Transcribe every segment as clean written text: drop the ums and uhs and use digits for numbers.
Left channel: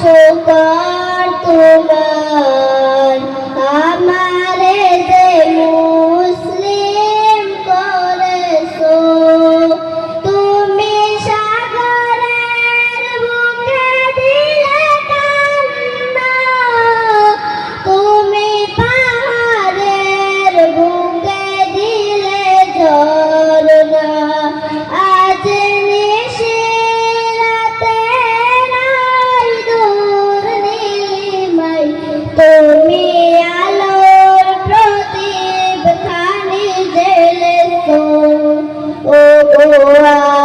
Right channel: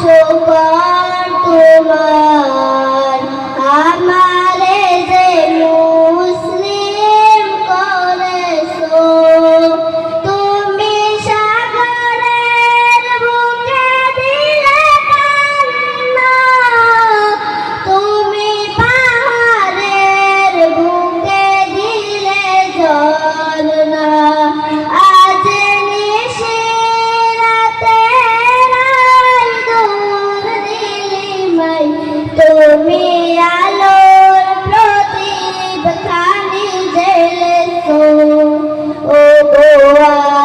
শুকর তোমার আমারে যে মুসলিম করেছো তুমি সাগরের বুকে দিলে কান্না তুমি পাহাড়ের বুকে দিলে ঝরনা আজ নিশিরাতে নাই দূর নীলিমায় তুমি আলোর প্রদীপ খানি জ্বেলেছো ও গো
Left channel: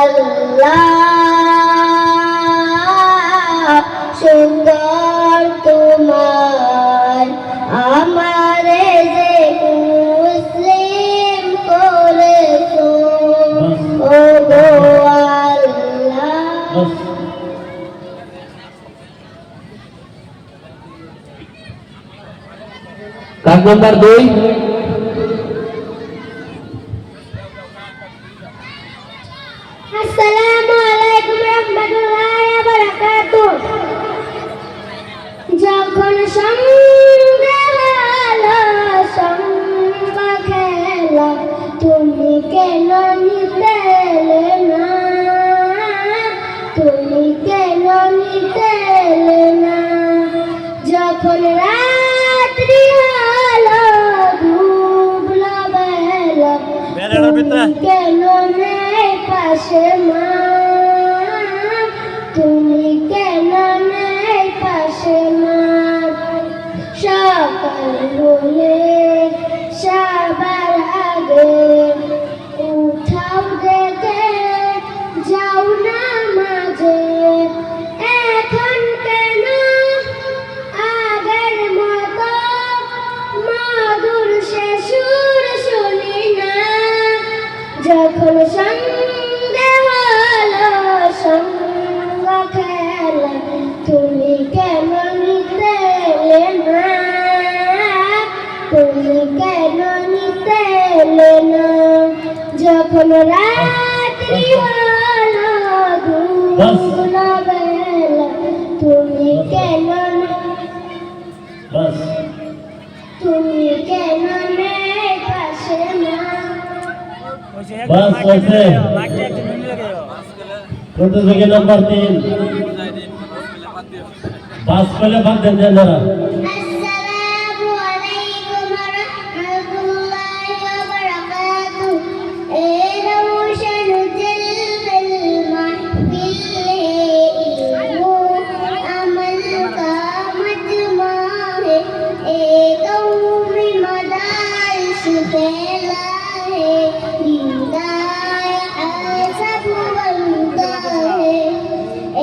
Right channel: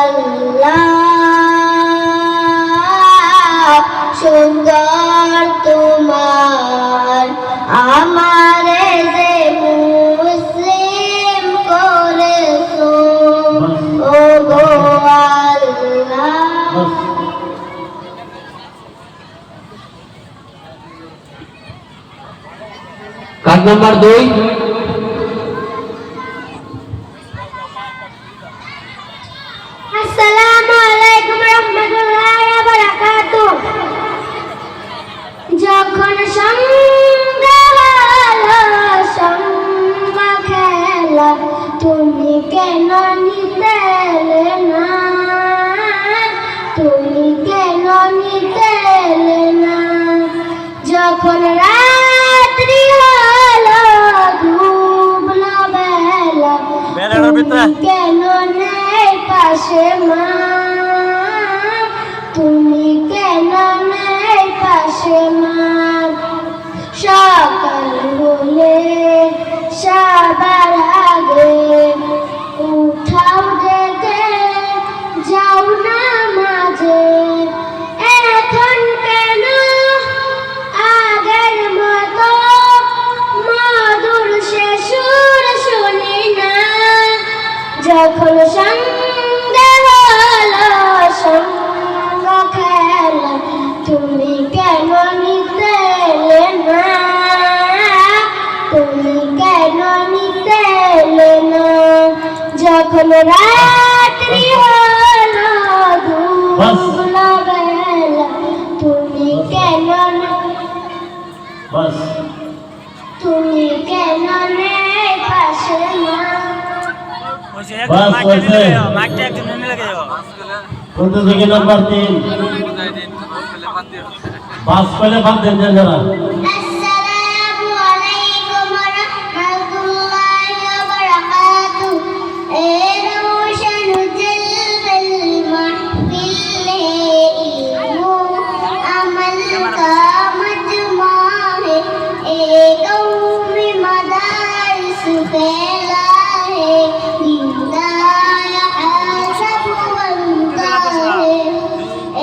আল্লাহ সুন্দর তোমার আমারে যে মুসলিম করেছো ও গো আল্লাহ। কাজ নাম্বার 2 আসসালামু আলাইকুম রাহমাতুল্লাহি ওয়া বারাকাতুহু যখন সন্ধ্যা হলো সঙ্গ খেলা তুমি কেন নিতে এলে না তুমি কেন নিতে এলে না যখন রাত্রি হলো ডুবলো বেলা তুমি কেন নেই পাশে মা তুমি কেন নেই পাশে মা সকাল হলে সবার আগে উঠাও ডেকে যাও না মাঝে এখন কেন আগের মতো মধুর সে সুর শুনি না যখন সন্ধ্যা হলো সঙ্গ খেলা তুমি কেন নিতে এলে না তুমি কেন নিতে এলে না যখন রাত্রি হলো ডুবলো বেলা তুমি কেন তুমি কেন নেই পাশে মা প্রতিযোগী নাম্বার 3 বাস পেলে বাদ দেন যারা আসসালামু আলাইকুম ওয়া রাহমাতুল্লাহি ওয়া বারাকাতুহু এ রওশন জলবল মাহফিল ইলমু আমল কা মজমা है ए कौमी मदारिस फैला है दीदार हसब बनता है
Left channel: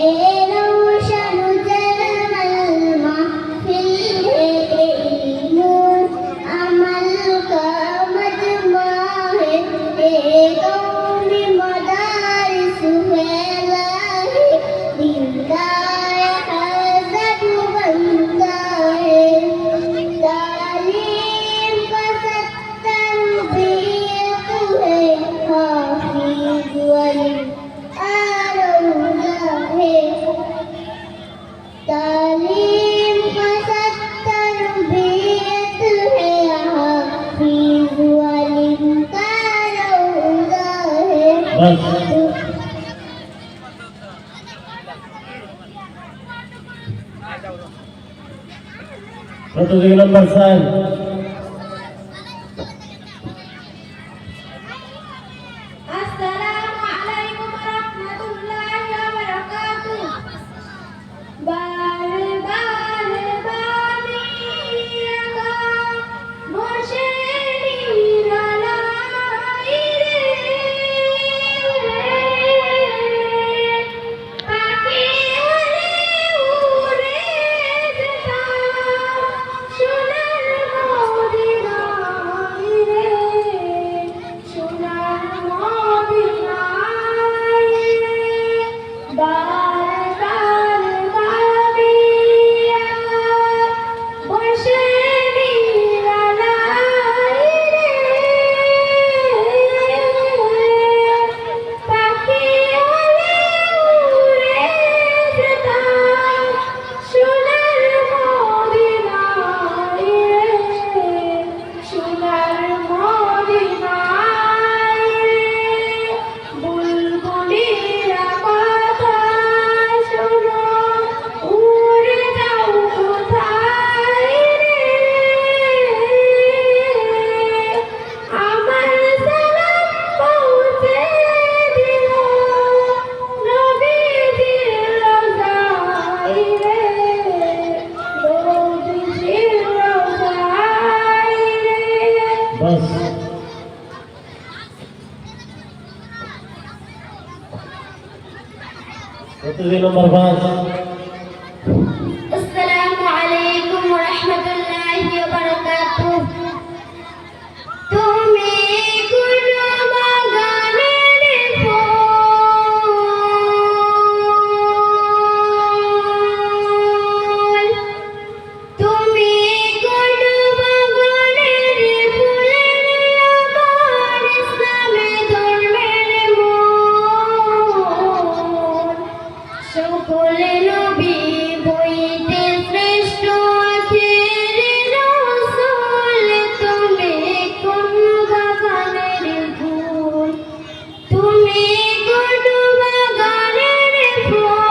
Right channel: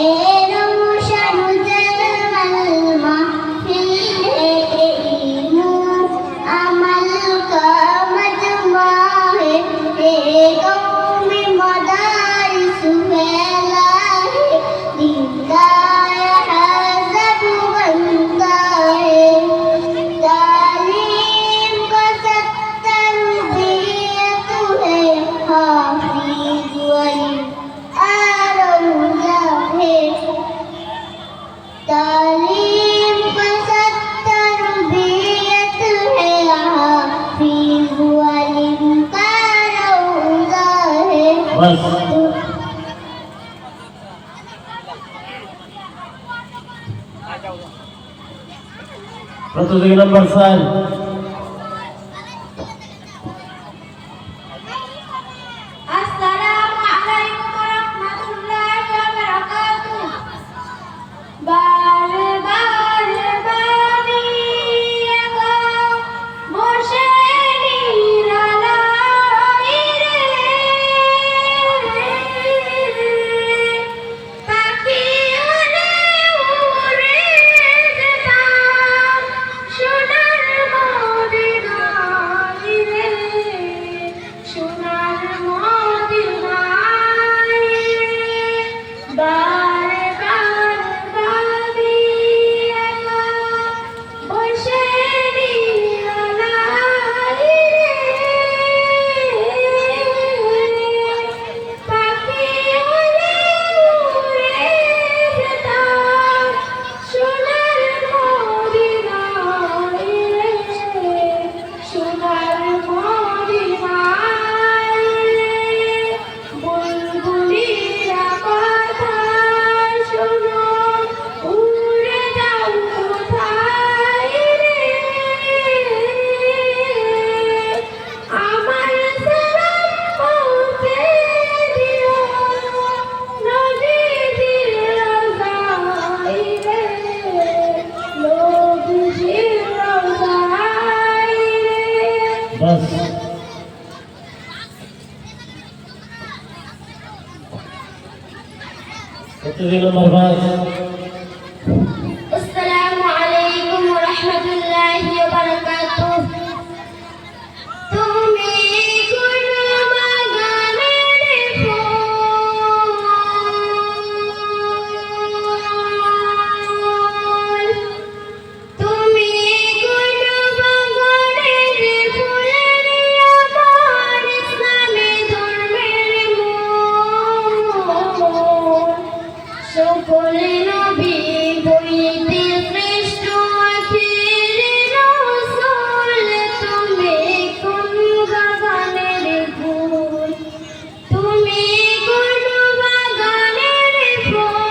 ए रोशन जलमल महफिल है इल्मु अमल का मजमा है ए कौमी मदारिस फैला है दीदार हसब बनता है तालीम का तरबियत है हाफिज वली आरौजा है तालीम का तरबियत है हाफिज वली आरौजा है बस প্রতিযোগী নাম্বার 4 আসসালামু আলাইকুম ওয়া রাহমাতুল্লাহি ওয়া বারাকাতুহু বার বার বানি আগা বসে নিরালাই রে পাখি উড়ে উড়ে যেতাম সোনার প্রতিযোগী নম্বর 5 আসসালামু আলাইকুম ওয়া রাহমাতুল্লাহি ওয়া বারাকাতুহু তুমি কোন বাগানের ফুল তুমি কোন বাগানের ফুল আমার ইসলামে ধর্মের মূল সকল নবী হইতে শ্রেষ্ঠ আখেরি রাসূল তুমি কোন বাগানের ফুল তুমি কোন বাগানের ফুল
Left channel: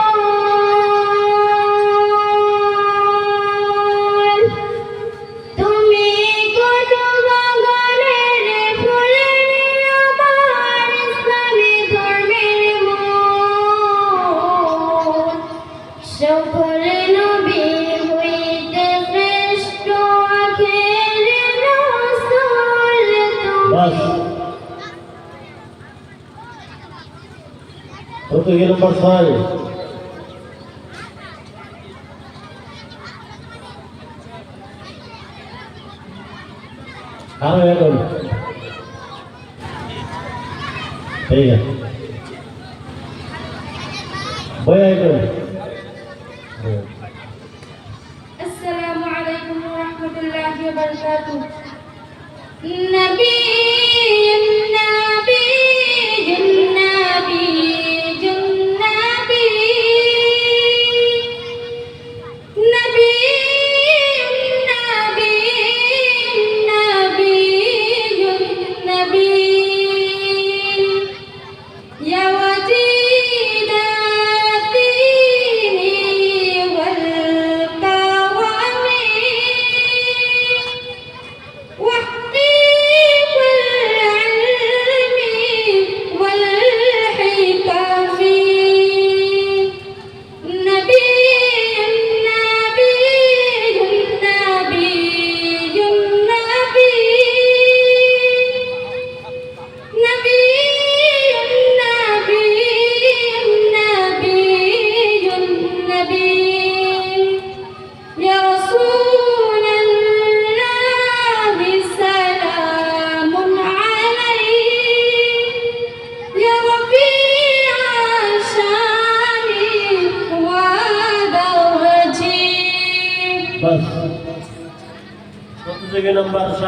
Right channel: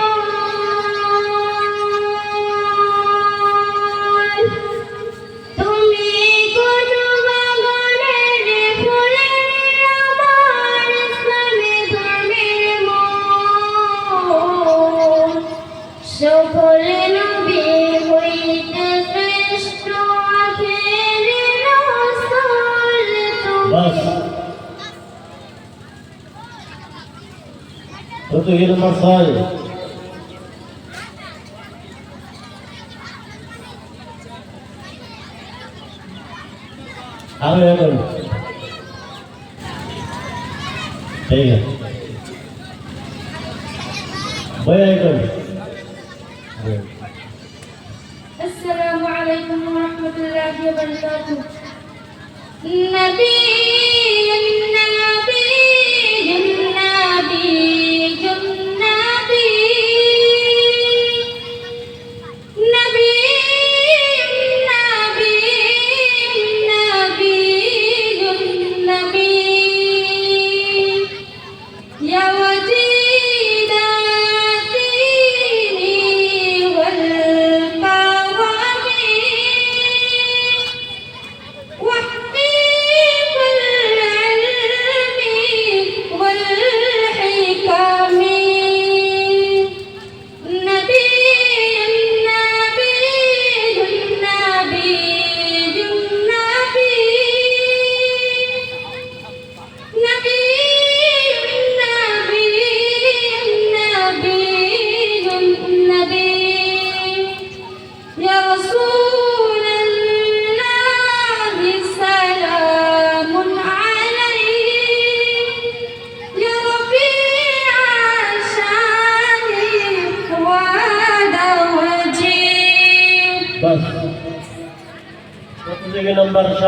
তুমি কোন বাগানের ফুল আমার ইসলামে ধর্মের মূল সকল নবী হইতে শ্রেষ্ঠ আখেরি রাসূল বাস প্রতিযোগী নম্বর 6 আরো এখন ঠিক আছে বয় এখন السلام عليكم ورحمة الله وبركاته نبي النبي النبي النبي نبي النبي النبي يا وجيد الدين والقوام وحبيب العلم والحكم نبي النبي النبي النبي نبي النبي النبي يا رسول الله سلام عليك يا رفيع شاني ودوجي বাস প্রতিযোগী নম্বর 7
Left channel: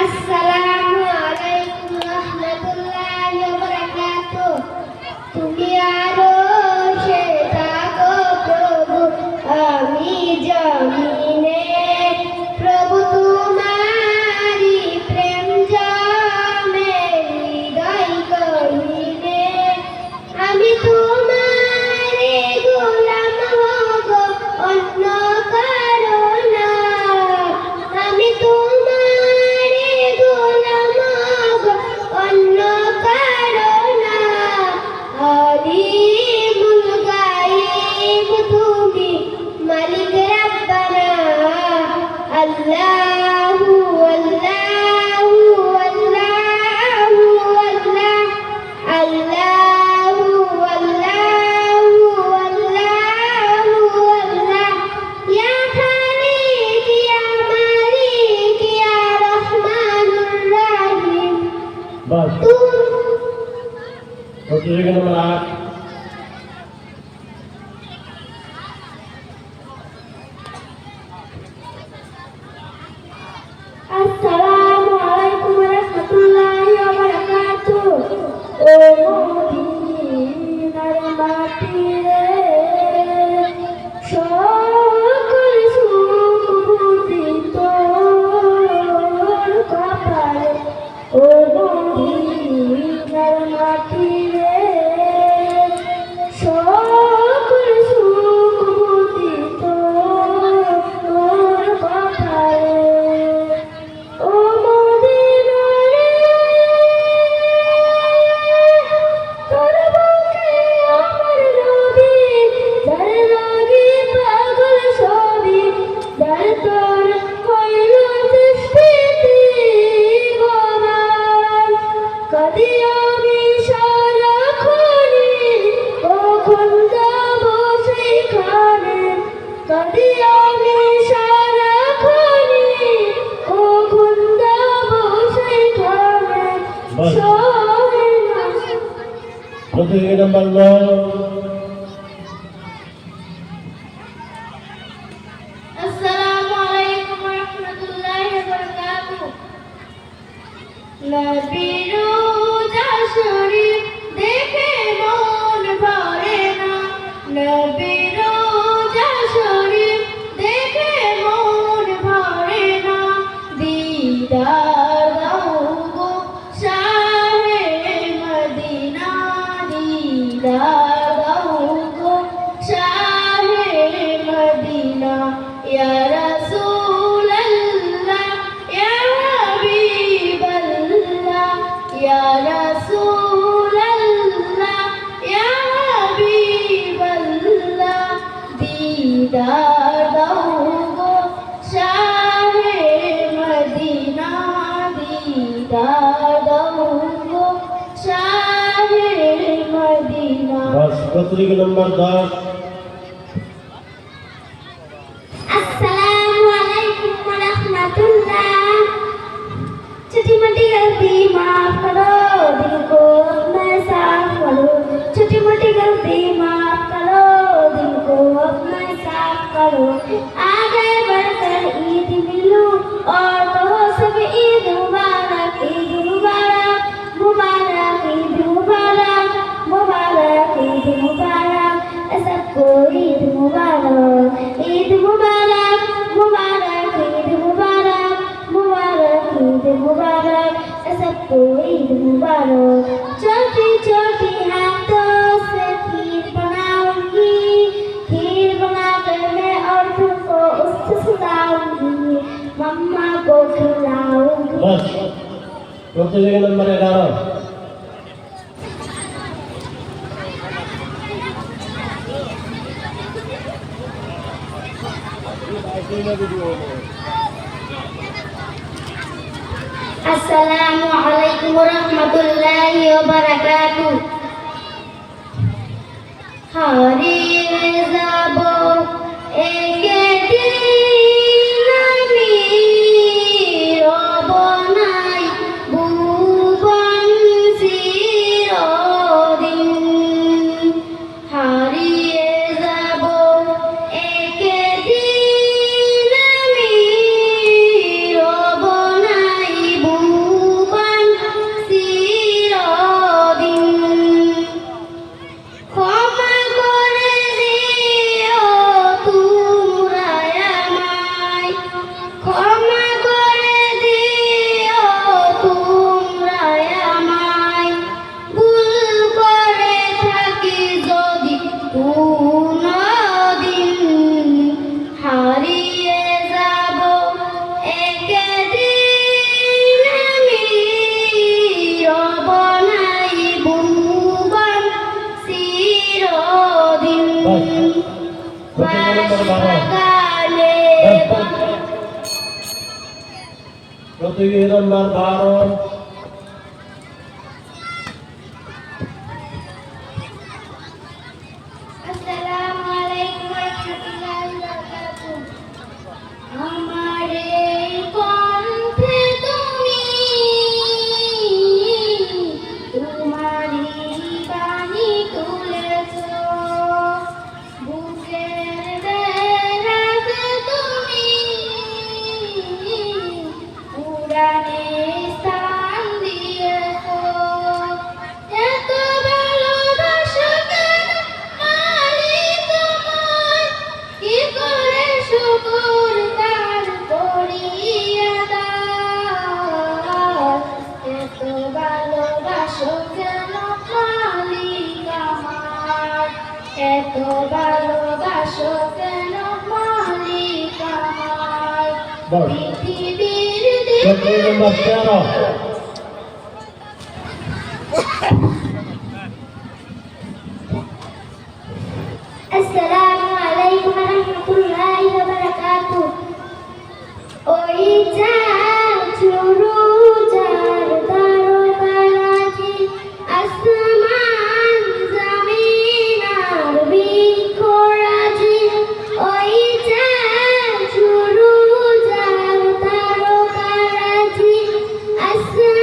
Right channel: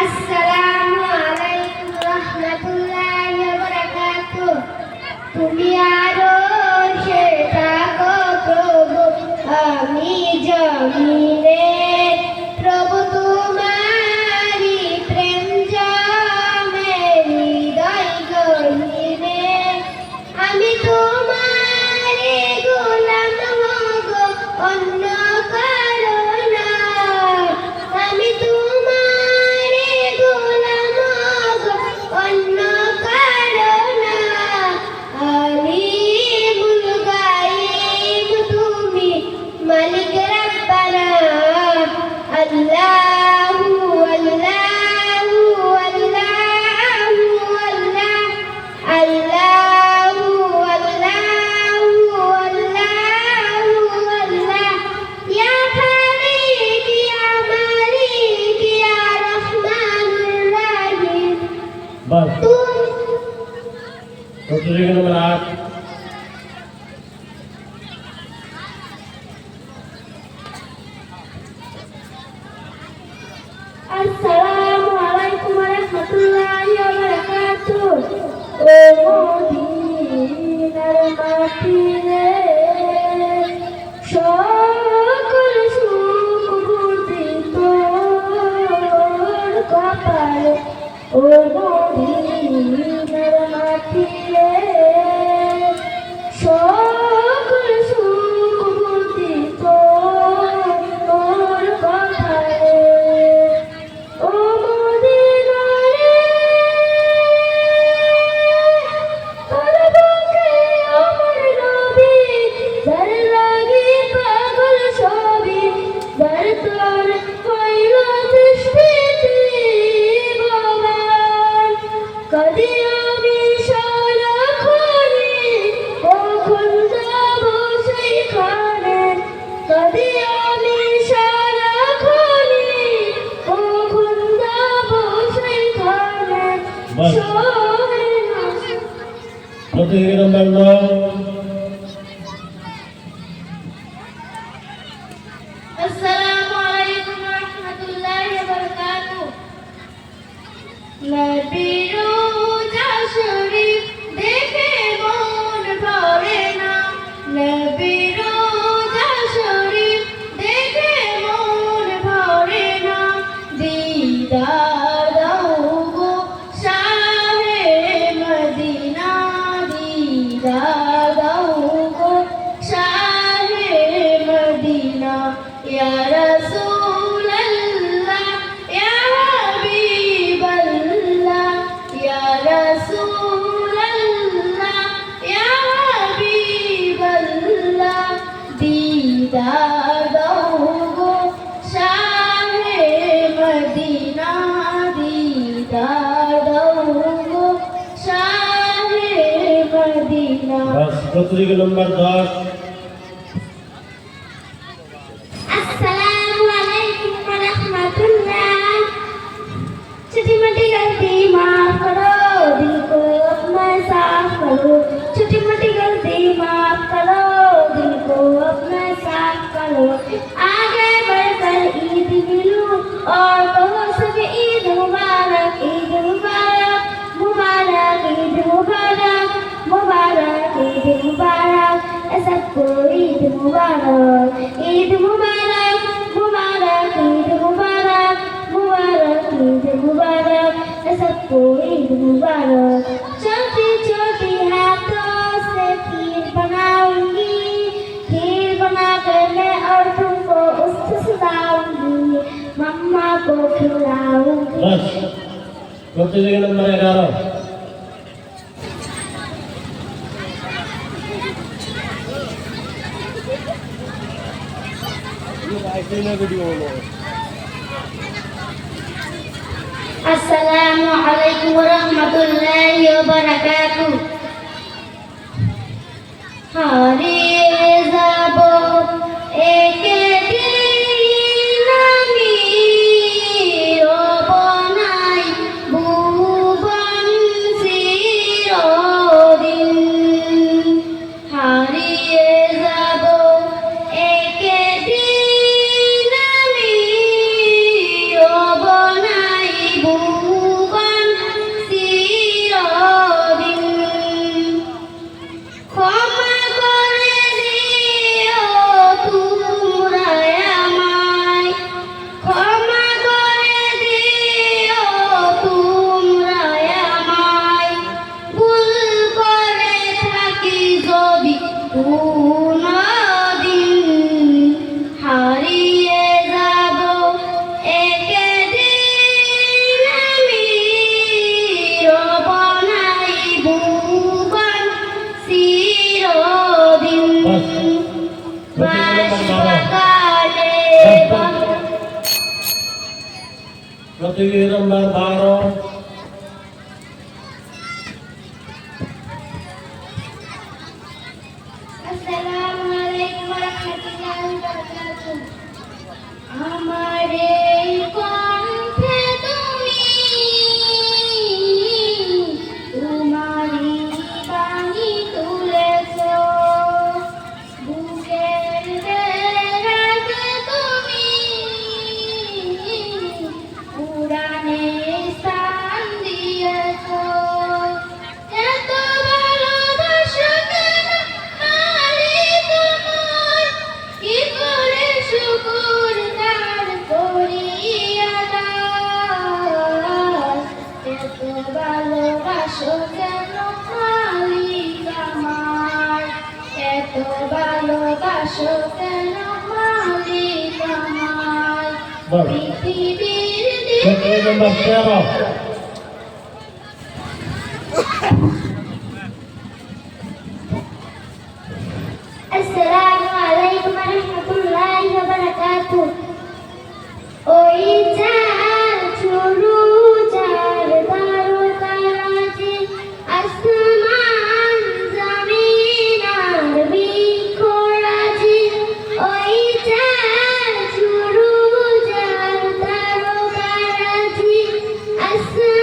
আসসালামু আলাইকুম রাহমাতুল্লাহি ওয়া বারাকাতুহু তুমি আরশে থাকো প্রভু আমি জমিনে প্রভু তোমারি প্রেম জমে হৃদয় গহীনে আমি তোমারে গোলাম হব অন্য কারো না আমি তোমারে গোলাম হব অন্য কারো না আলিমুল গায়ব তুমি মালিক রব্বানা আল্লাহু আল্লাহু আল্লাহু আল্লাহ আল্লাহু আল্লাহু আল্লাহু আল্লাহ ইয়া খালিক ইয়া মালিক ইয়া রহমানুর রহিম বাস তুমি প্রতিযোগী নম্বর 8 আসসালামু আলাইকুম ওয়া রাহমাতুল্লাহি ওয়া বারাকাতুহু ও মদিনার মাটি রে সকল সুখ বুঝি তোর কপালে ও মদিনার মাটি রে সকল সুখ বুঝি তোর কপালে ও মদিনা রে তোর বুকে আমার बस শোভনা। प्रतियोगी नंबर 9 আসসালামু আলাইকুম ওয়া রাহমাতুল্লাহি ওয়া বারাকাতুহু। নবীর রোজা শরীফ দেখে মন ভরে না, নবীর রোজা শরীফ দেখে মন ভরে না। দিদার দাও গো শাহে মদিনা, দিদার দাও গো শাহে মদিনা। ইয়া রাসূলাল্লাহ ইয়া হাবিবাল্লাহ, ইয়া রাসূলাল্লাহ ইয়া হাবিবাল্লাহ। দিদার দাও গো শাহে মদিনা, দিদার দাও গো শাহে মদিনা। बस प्रतियोगी नंबर 10 अस्सलामु अलैकुम व रहमतुल्लाह। छोटी मोटी गलती माफ करो, दिल को अपना साफ करो। छोटी मोटी गलती माफ करो, दिल को अपना साफ करो। आगे बढ़कर ईद मिलो और कहो सब ईद मुबारक, ईद मुबारक, मुबारक ईद मुबारक, मुबारक ईद मुबारक। सबको ईद मुबारक, ईद मुबारक, मुबारक ईद मुबारक, मुबारक ईद मुबारक। सबको ईद मुबारक। छोटी छोटी हाथों से खीर बनाऊंगी, खीर बनाकर मैं और तुमको उसको खिलाऊंगी, मम्मा को खिलाऊंगी। बस प्रतियोगी नंबर 11 अस्सलामु अलैकुम वरहमतुल्लाहि वबरकातुहू। হারিয়ে যাব একদিন আমি, রব নাই ভুবন চিরদিন। হারিয়ে যাব একদিন আমি, রব নাই ভুবন চিরদিন। ক্ষমা করে দিও তোমরা আমায়, ক্ষমা করে দিও তোমরা আমায়। ভুল করে থাকি যদি কোনদিন, হারিয়ে যাব একদিন আমি, রব নাই ভুবন চিরদিন। बस प्रतियोगी नंबर 12 বাসকালে प्रतियोगी नंबर 12 আসসালামু আলাইকুম ওয়া রাহমাতুল্লাহি ওয়া বারাকাতুহু। আমার এই কণ্ঠে তুমি তোমারই বাণী তুলেছো, বুকের বেড়াতে তুমি উড়ানে স্থান দিয়েছো। এত ভালোবাসা কেন মালিক আমার, কি করে শুকর তার করি আদায়। এত ভালোবাসা কেন মালিক আমার, এত ভালোবাসা কেন মালিক আমার। बस পৃথিবীর प्रतियोगी नंबर 13 আসসালামু আলাইকুম ওয়া রাহমাতুল্লাহি ওয়া বারাকাতুহু। ওই চাঁদ শুরু চাঁদ তারকারাজি, আসমান জমিন আর বৃক্ষরাজি। ওই চাঁদ শুরু চাঁদ তারকারাজি, আসমান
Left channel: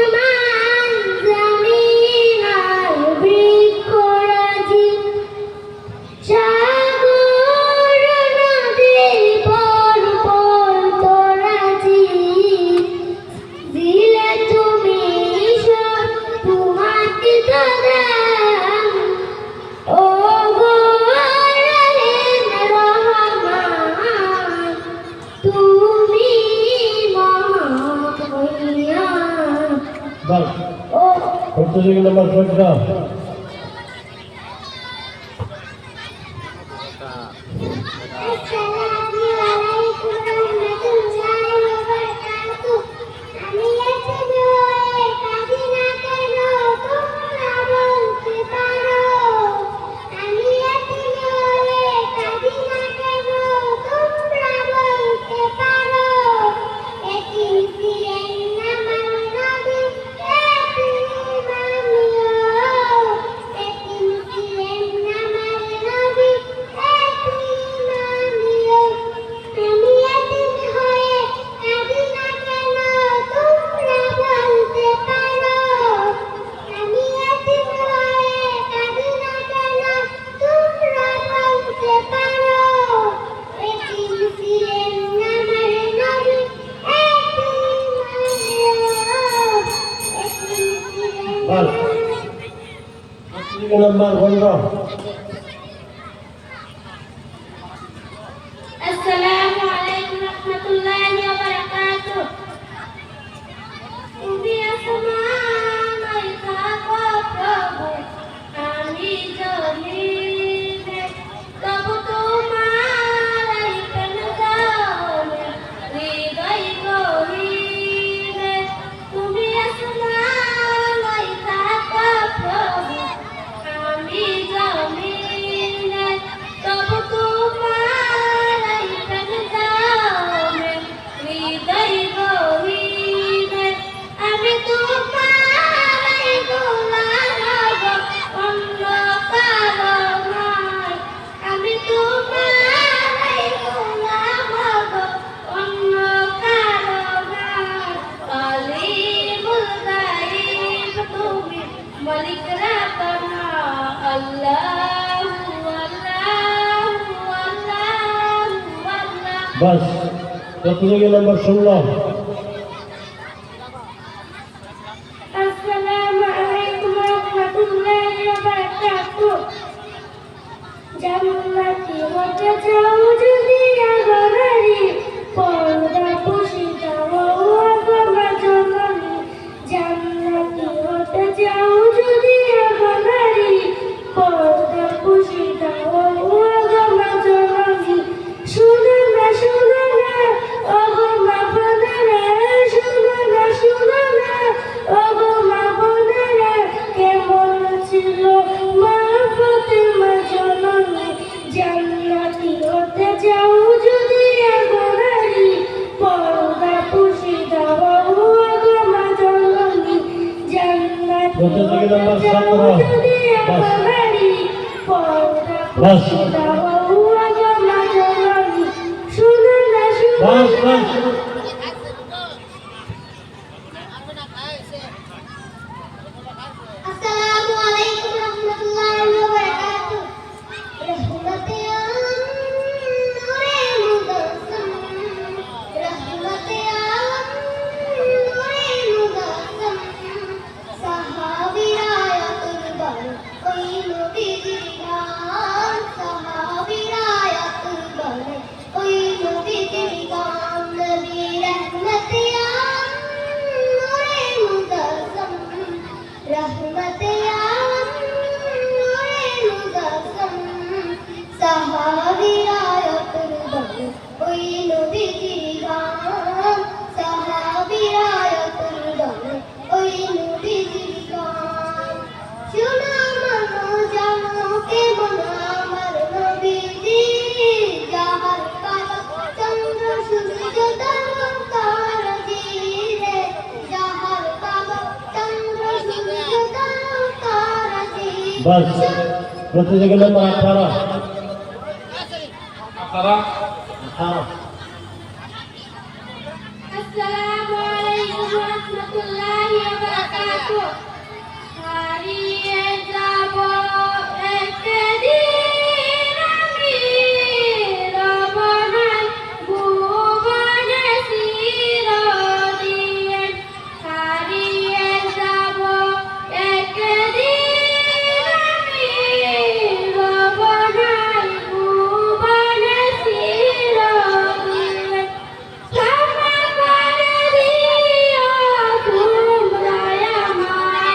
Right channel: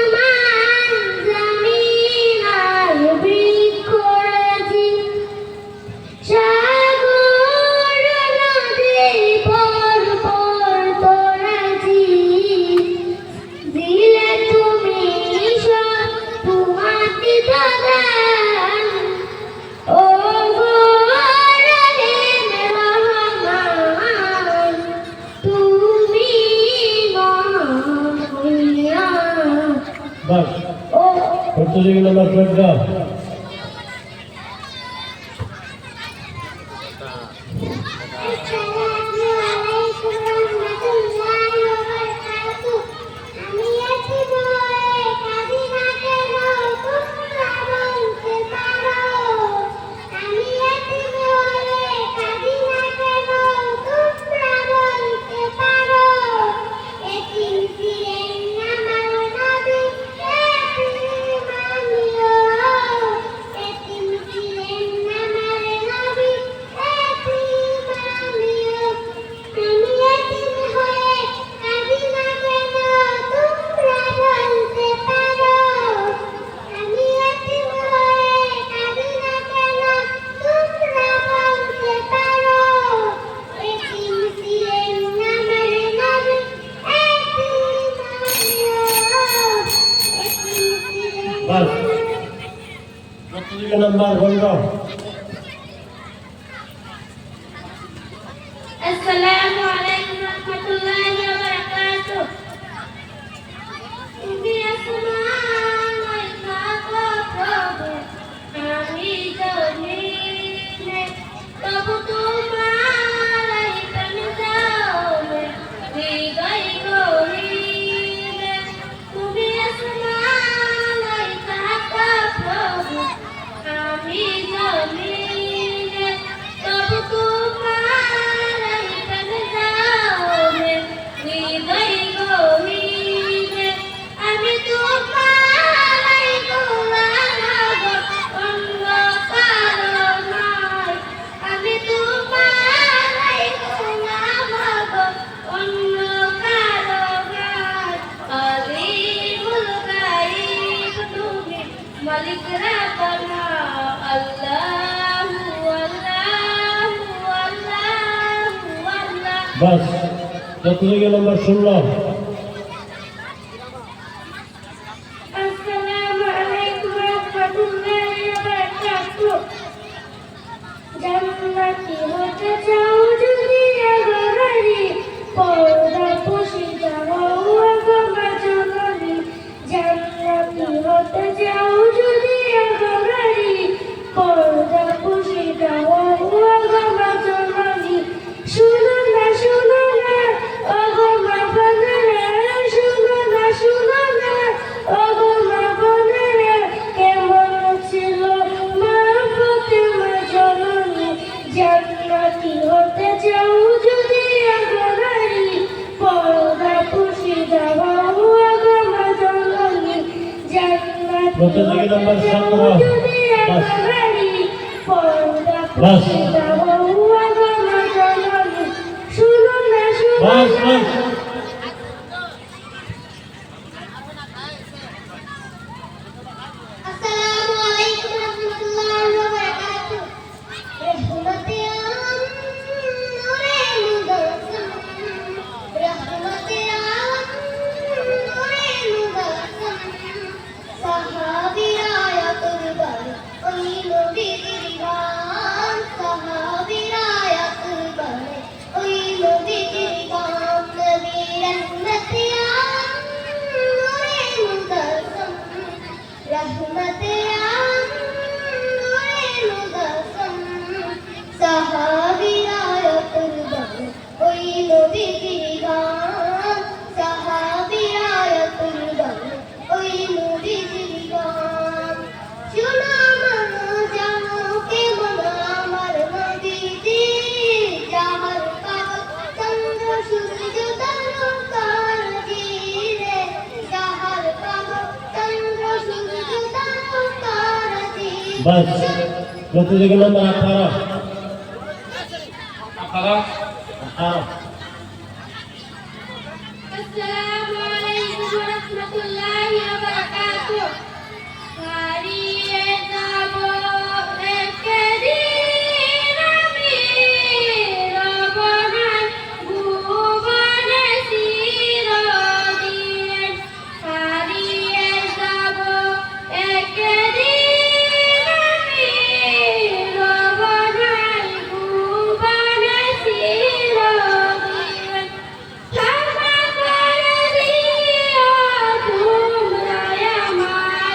প্রতিযোগী নম্বর 14। বাস প্রতিযোগী নম্বর 15। السلام عليكم ورحمة الله وبركاته. তুমি আসমানে থাকো প্রভু, আমি জমিনে, তবু তোমার প্রাণ দাও হৃদয় গহীনে। তুমি আসমানে থাকো প্রভু, আমি জমিনে, তবু তোমার প্রাণ দাও হৃদয় গহীনে। আমি তোমার গোলাম অন্য কারো নয়, আমি তোমার গোলাম অন্য কারো নয়। আলিমুল গায়ব তুমি, মালিক রাব্বানা, আল্লাহু আল্লাহু আল্লাহু আল্লাহ। বাস প্রতিযোগী নম্বর 16। আসসালামু আলাইকুম ওয়া রাহমাতুল্লাহি ওয়া বারাকাতুহু। জান্নাতি হতে চাও যদি আগনারি, পর্দা পুষি যাও আগনা জননী। জান্নাতি হতে চাও যদি আগনারি, পর্দা পুষি যাও আগনা জননী। শুনো না ওগো মা বোনেরা, শুনো না ওগো মা বোনেরা, কেমন ছিল মা ফাতেমা জননী। জান্নাতি হতে চাও যদি আগনারি, পর্দা পুষি যাও আগো মা জননী। জান্নাতি প্রতিযোগী হতে নম্বর চাও 17। যদি বাস আগনারি, পর্দা বাস পুষি যাও আগো মা জননী। শুনো না বাস বাস আসসালামু আলাইকুম ওয়া রাহমাতুল্লাহি ওয়া বারাকাতুহু। রহমতে আলম নূরে মুজাসসাম, রহমতে আলম নূরে মুজাসসাম। সাহাবীরা আয়াতুল ওই নবীর গান, সাহাবীরা আয়াতুল ওই নবীর গান। নবী রহমতে আলম নূরে মুজাসসাম, রহমতে আলম নূরে মুজাসসাম। সাহাবীরা আয়াতুল ওই নবীর গান, সাহাবীরা আয়াতুল ওই নবীর গান। শোনো মানো জানো কেমন আমার নবীজি, যাহার বাবা চন্দ্র সূর্য তারকাজি রে, যাহার বাবা চন্দ্র সূর্য তারকাজি। বাস প্রতিযোগী নম্বর 18। আসসালামু আলাইকুম ওয়া রাহমাতুল্লাহি ওয়া বারাকাতুহু। হারিয়ে যাব একদিন আমি, রব না ভুবনে চিরদিন। হারিয়ে যাব একদিন আমি, রব না ভুবনে চিরদিন। ক্ষমা করে দিও তোমরা আমায়,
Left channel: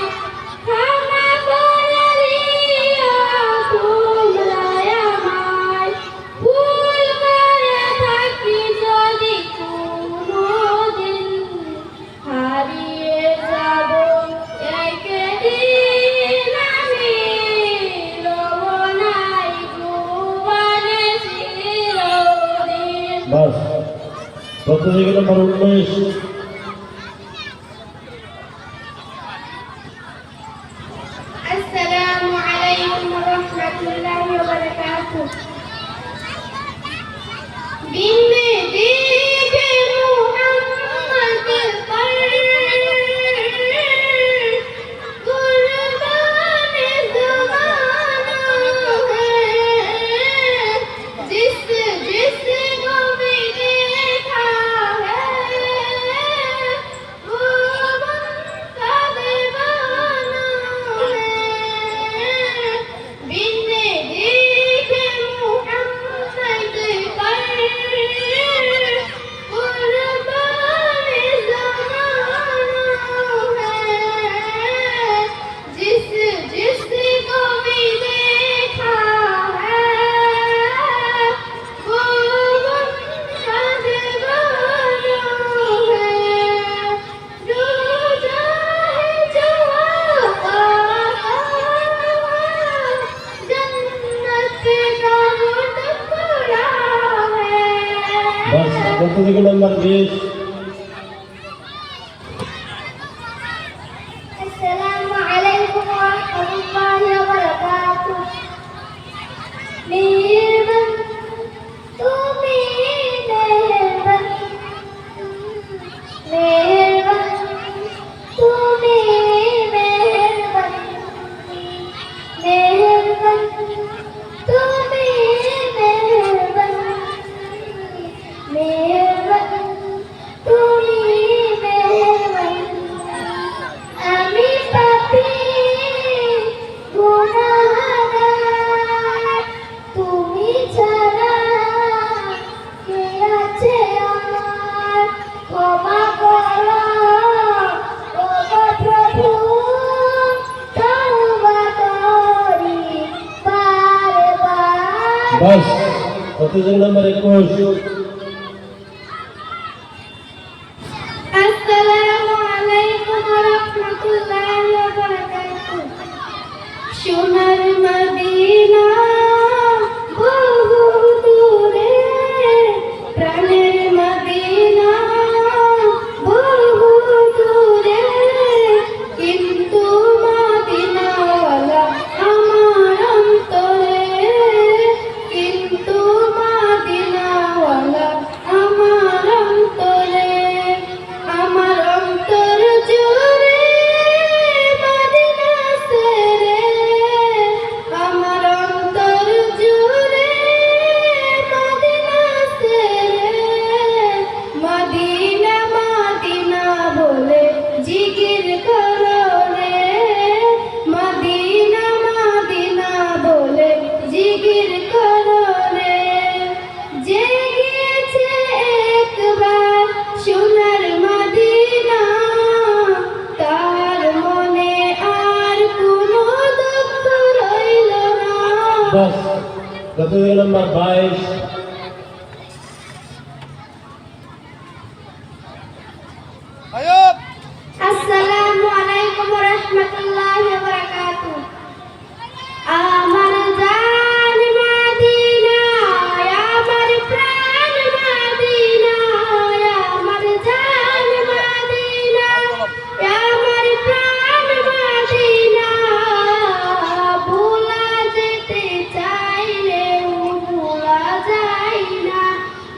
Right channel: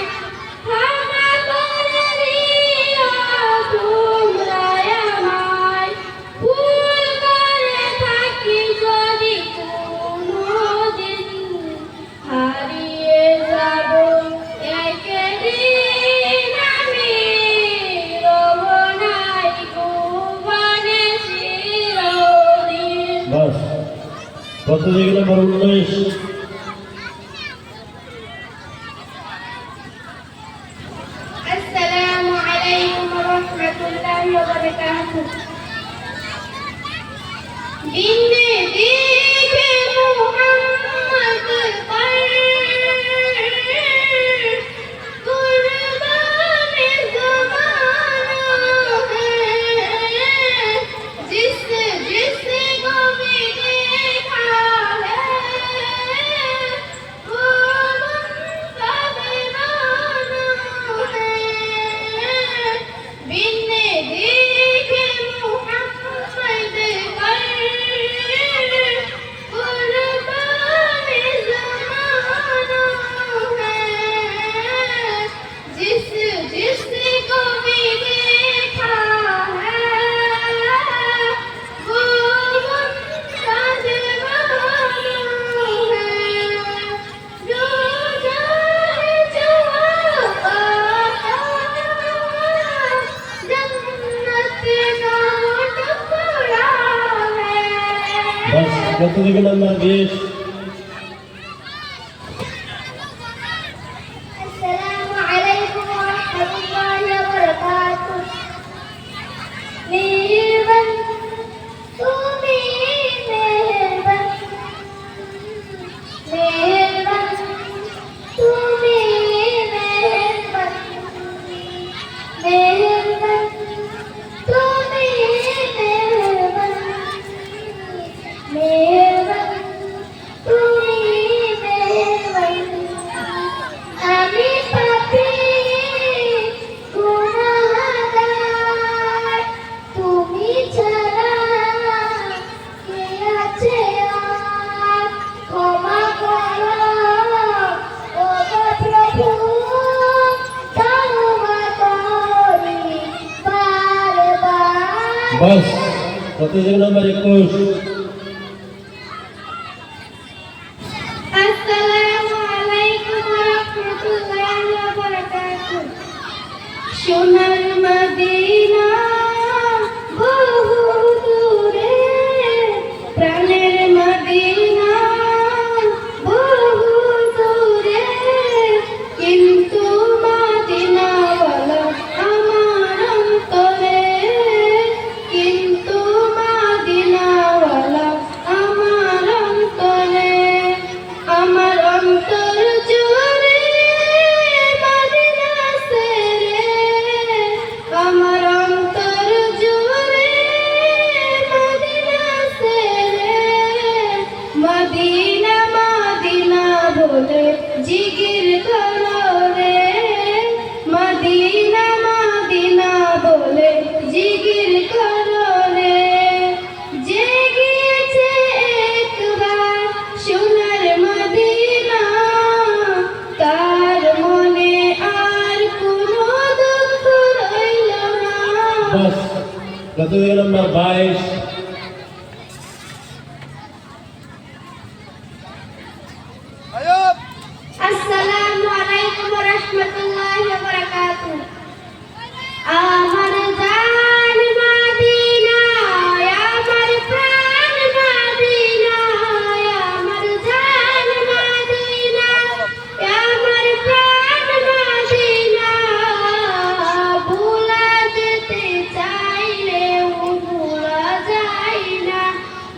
নম্বর 19 السلام عليكم ورحمة الله وبركاته بالنبي محمد कुर्बान ज़माना है जिस जिसको भी देखा है वो उनका दीवाना है बिन्ने देखे मुहम्मद पर कुर्बान ज़माना है जिस जिसको भी देखा है वो उनका दीवाना है जो जाए जवाब जन्नत का वो टुकड़ा है बस কত থেকে নম্বর 20 السلام عليكم ورحمة الله وبركاته मेहरबान তুমি मेहरबान मेहरबान তুমি मेहरबान मेहरबान তুমি मेहरबान मेहरबान তুমি मेहरबान আমি পাপী গুনাহগার তুমি ছাড়া কে আছে আর ক্ষমা করো ও গো প্রভু তওবা করি বারবার बस কত থেকে নম্বর 21 আসসালামু আলাইকুম ওয়া রাহমাতুল্লাহি ওয়া বারাকাতুহু সোনার মদিনা বহু দূরে প্রাণের মদিনা বহু দূরে কিন্তু মদিনাওয়ালা আমার অন্তরে কিন্তু মদিনাওয়ালা আমার অন্তরে আমার অন্তর জুড়ে মদিনা সেরে আমার অন্তর জুড়ে মদিনা সেরে মদিনা মদিনা বলে জিকির করো রে মদিনা মদিনা বলে জিকির করো রে যে গিয়েছে একবার সোনার মদিনা তার মনে আর কোনো দুঃখ রইল না बस কত থেকে নম্বর 22 আসসালামু আলাইকুম ওয়া রাহমাতুল্লাহি ওয়া বারাকাতুহু আমার জান মদিনা আমার প্রাণ মদিনা আমার জান মদিনা আমার প্রাণ মদিনা ভোলা যেতে চাইলেও ভোলা যায় না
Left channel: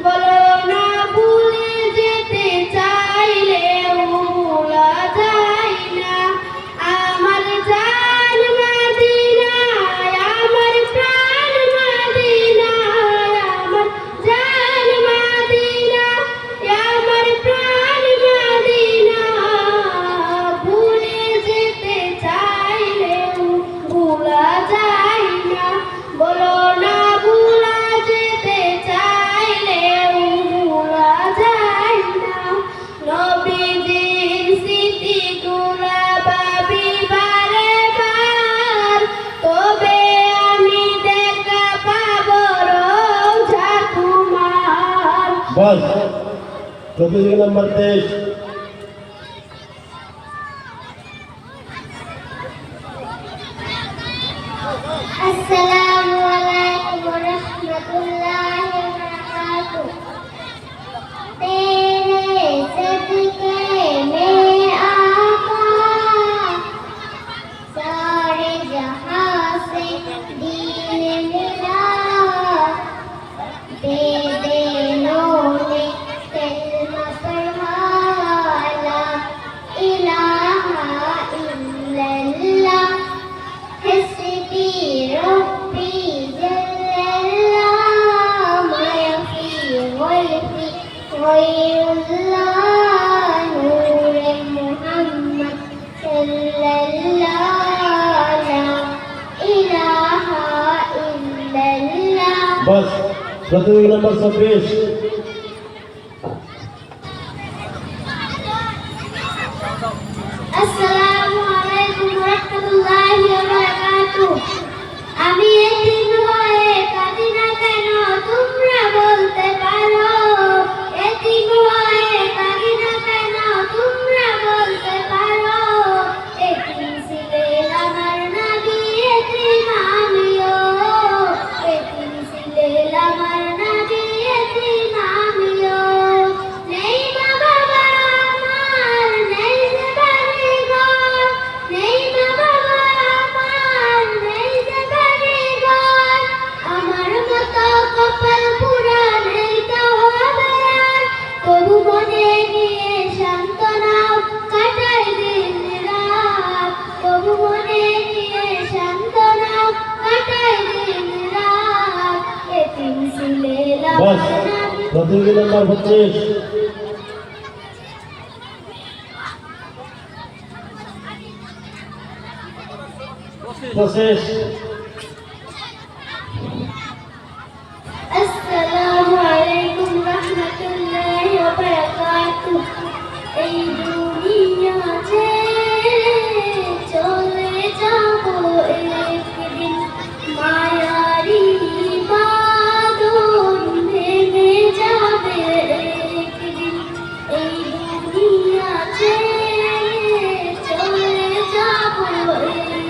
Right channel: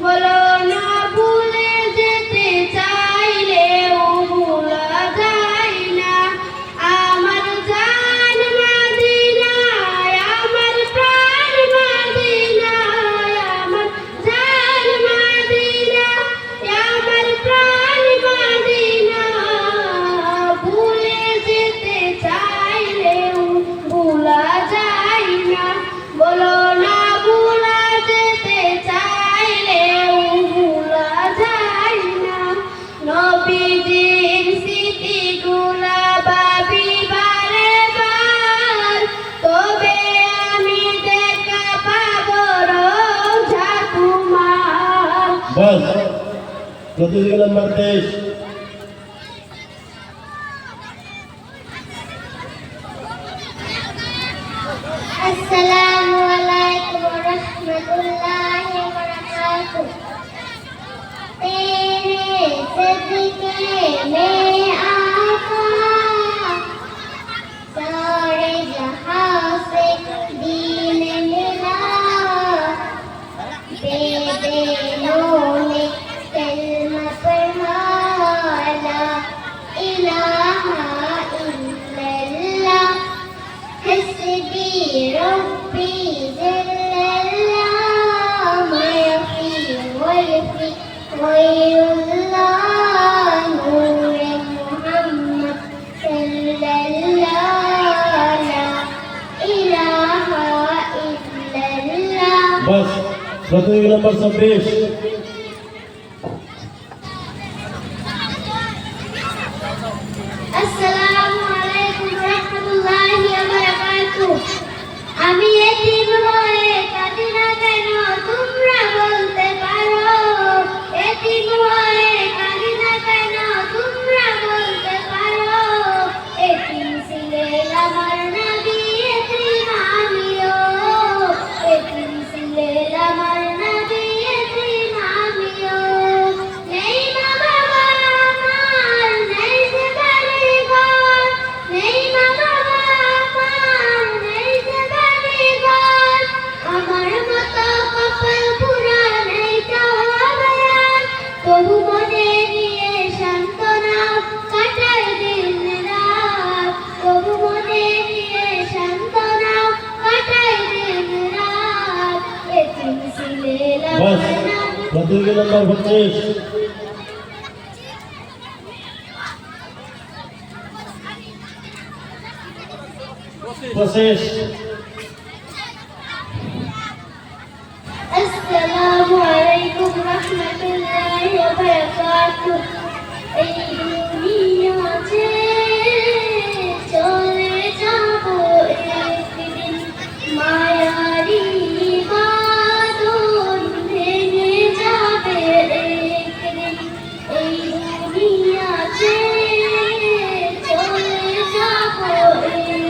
বলো না ভুলে যেতে চাইলেও ভোলা যায় না আমার জান মদিনা আমার প্রাণ মদিনা আমার জান মদিনা আমার প্রাণ মদিনা ভুলে যেতে চাইলেও ভোলা যায় না বলো না ভোলা যেতে চাইলেও ভোলা যায় না নবীজির স্মৃতিগুলা ভাবি বারে বার তবে আমি দেখা পাবো রোজা তোমার बस কত থেকে নম্বর 23 আসসালামু আলাইকুম ওয়া রাহমাতুল্লাহি ওয়া বারাকাতুহু तेरे প্রতিযোগী নম্বর 24 আসসালামু আলাইকুম ওয়া রাহমাতুল্লাহি ওয়া বারাকাতুহু। আমি এতিম হয়ে কাঁদি না কেন তোমরা বলতে পারো, এতিম হয়ে কাঁদি না কেন তোমরা বলতে পারো। এতিম ছিলেন আমার নবী, এতিম আমিও, এতিম ছিলেন আমার নবী, এতিম আমিও। নেই মা বাবা আমার, নেই যে বাড়ি ঘর, নেই মা বাবা আমার, নেই যে বাড়ি ঘর। আমার মতো কপাল পুরা নেই কেউ আমার, তবু মনে নিয়ে সান্ত্বনাও কাটাই দিন রাত, তবু মনে নিয়ে সান্ত্বনাও কাটাই দিন রাত। এতিম ছিলেন বাস আমার নবী। প্রতিযোগী নম্বর 25 25 আসসালামু আলাইকুম রাহমাতুল্লাহি ওয়া বারাকাতুহু। এই দুনিয়া ছেড়ে চলে যাব একদিন, মায়ারি বাঁধন ভেঙে যাবে একদিন। এই দুনিয়া ছেড়ে চলে যাব একদিন,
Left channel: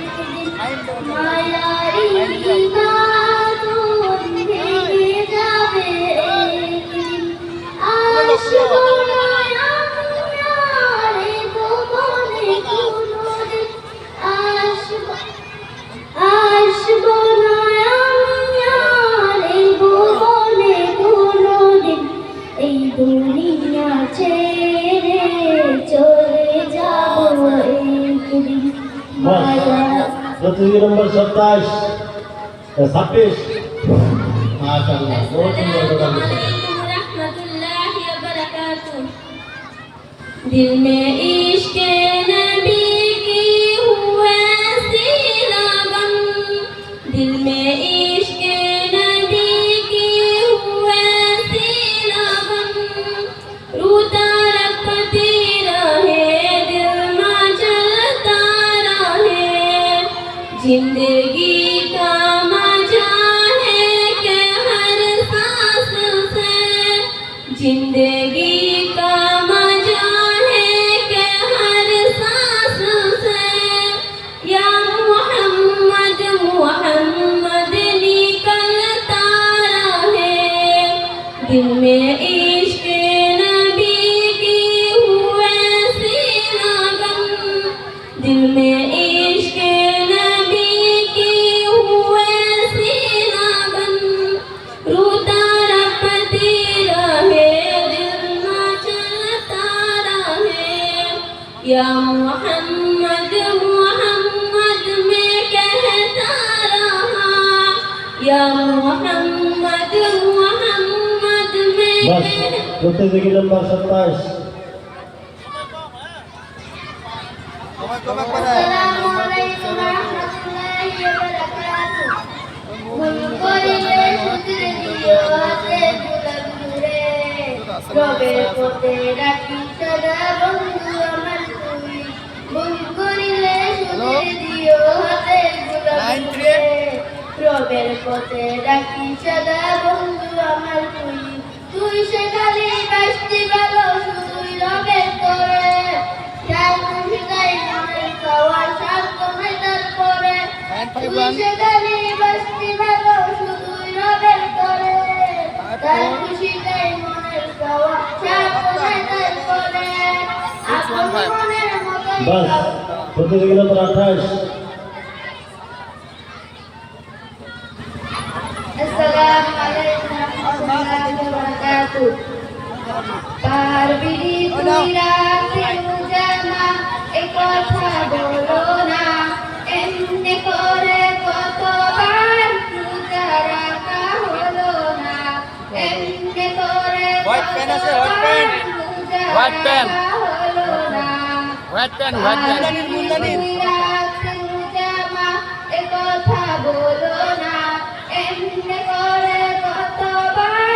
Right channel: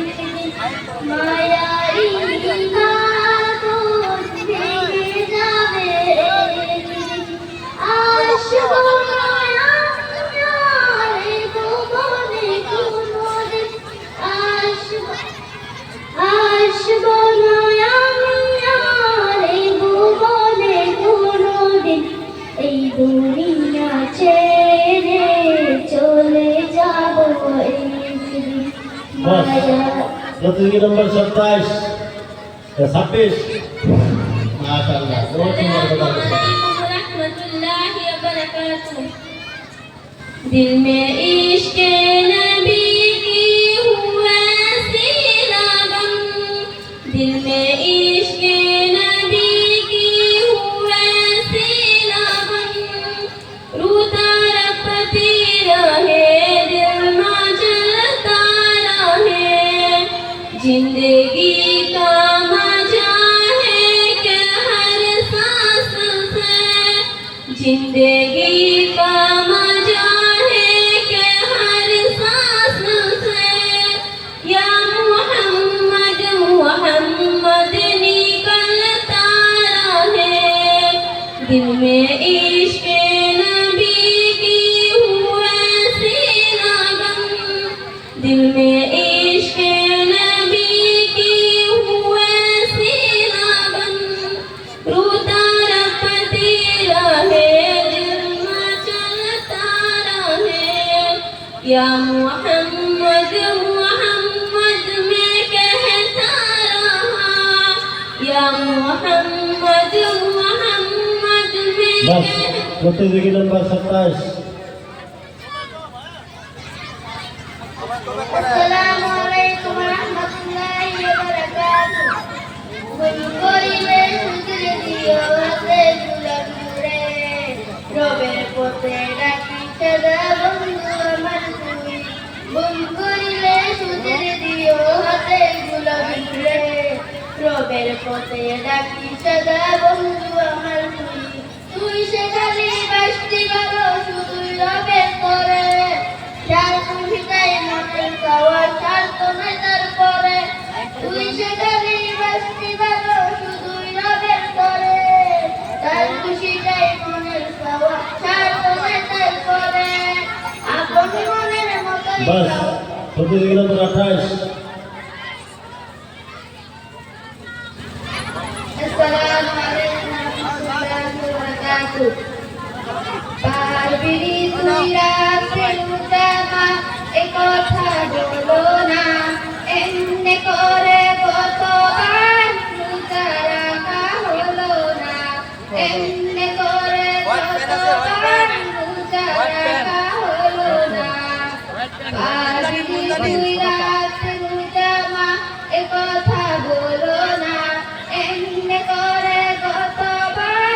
মায়ারি বাঁধন ভেঙে যাবে একদিন। আসবো না আমি আর এ ভুবনে কোনোদিন, আসবো না আমি আর এই ভুবনে কোনোদিন। এই দুনিয়া ছেড়ে চলে যাব একদিন, বাস মায়া। প্রতিযোগী নম্বর 27 26 মাশাআল্লাহ বহুত সুন্দর কথা বলেছেন। रहमतुल्लाहि व बरकातुहू। दिल में इश्क नबी की हुआ सी लगन, दिल में इश्क नबी की हुआ सी लगन। रूता रखती रहे दिल में जलता रहे, जिंदगी का मजा है कि हर सांस से, जिंदगी का मजा है कि हर सांस से। या मोहम्मद मोहम्मद निकलता रहे, दिल में इश्क नबी की हुआ सी लगन, दिल में इश्क नबी की हुआ सी लगन। रूता रखती रहे दिल में चलता रहे। या मोहम्मद मोहम्मद में कहता रहा, या मोहम्मद मोहम्मद में বাস প্রতিযোগী নম্বর 27 আসসালামু আলাইকুম ওয়া রাহমাতুল্লাহি ওয়া বারাকাতুহু। ভুল করিলে শুধরে দিও হাতে গুলাম জুড়ে, রবের পথে ডাকি সদা বন্ধু আমার তুমি। ভুল করিলে শুধরে দিও হাতে গুলাম জুড়ে, রবের পথে ডাকি সদা বন্ধু আমার তুমি। তুই সে খালি বাসতি গেল শুধুই রবের করে, যার তুমি তাই মনের চাওয়া স্বার্থ নাই তারপরে। তুই সে খালি বাসতি গেল শুধুই রবের করে, তার খুশি তাই মনের চাওয়া স্বার্থ নাই তারপরে। আপন মনের মতো বাস প্রতিযোগী নম্বর 28 আসসালামু আলাইকুম ওয়া রাহমাতুল্লাহি ওয়া বারাকাতুহু। পারবি তুই রাখতে জামা এ কথা বলো না, এমনি করে কতবার রোজা রাখা হলো না, এমনি করে কতবার রোজা রাখা হলো না। পারবি তুই রাখতে জামা এ কথা বলো না, এমনি করে কতবার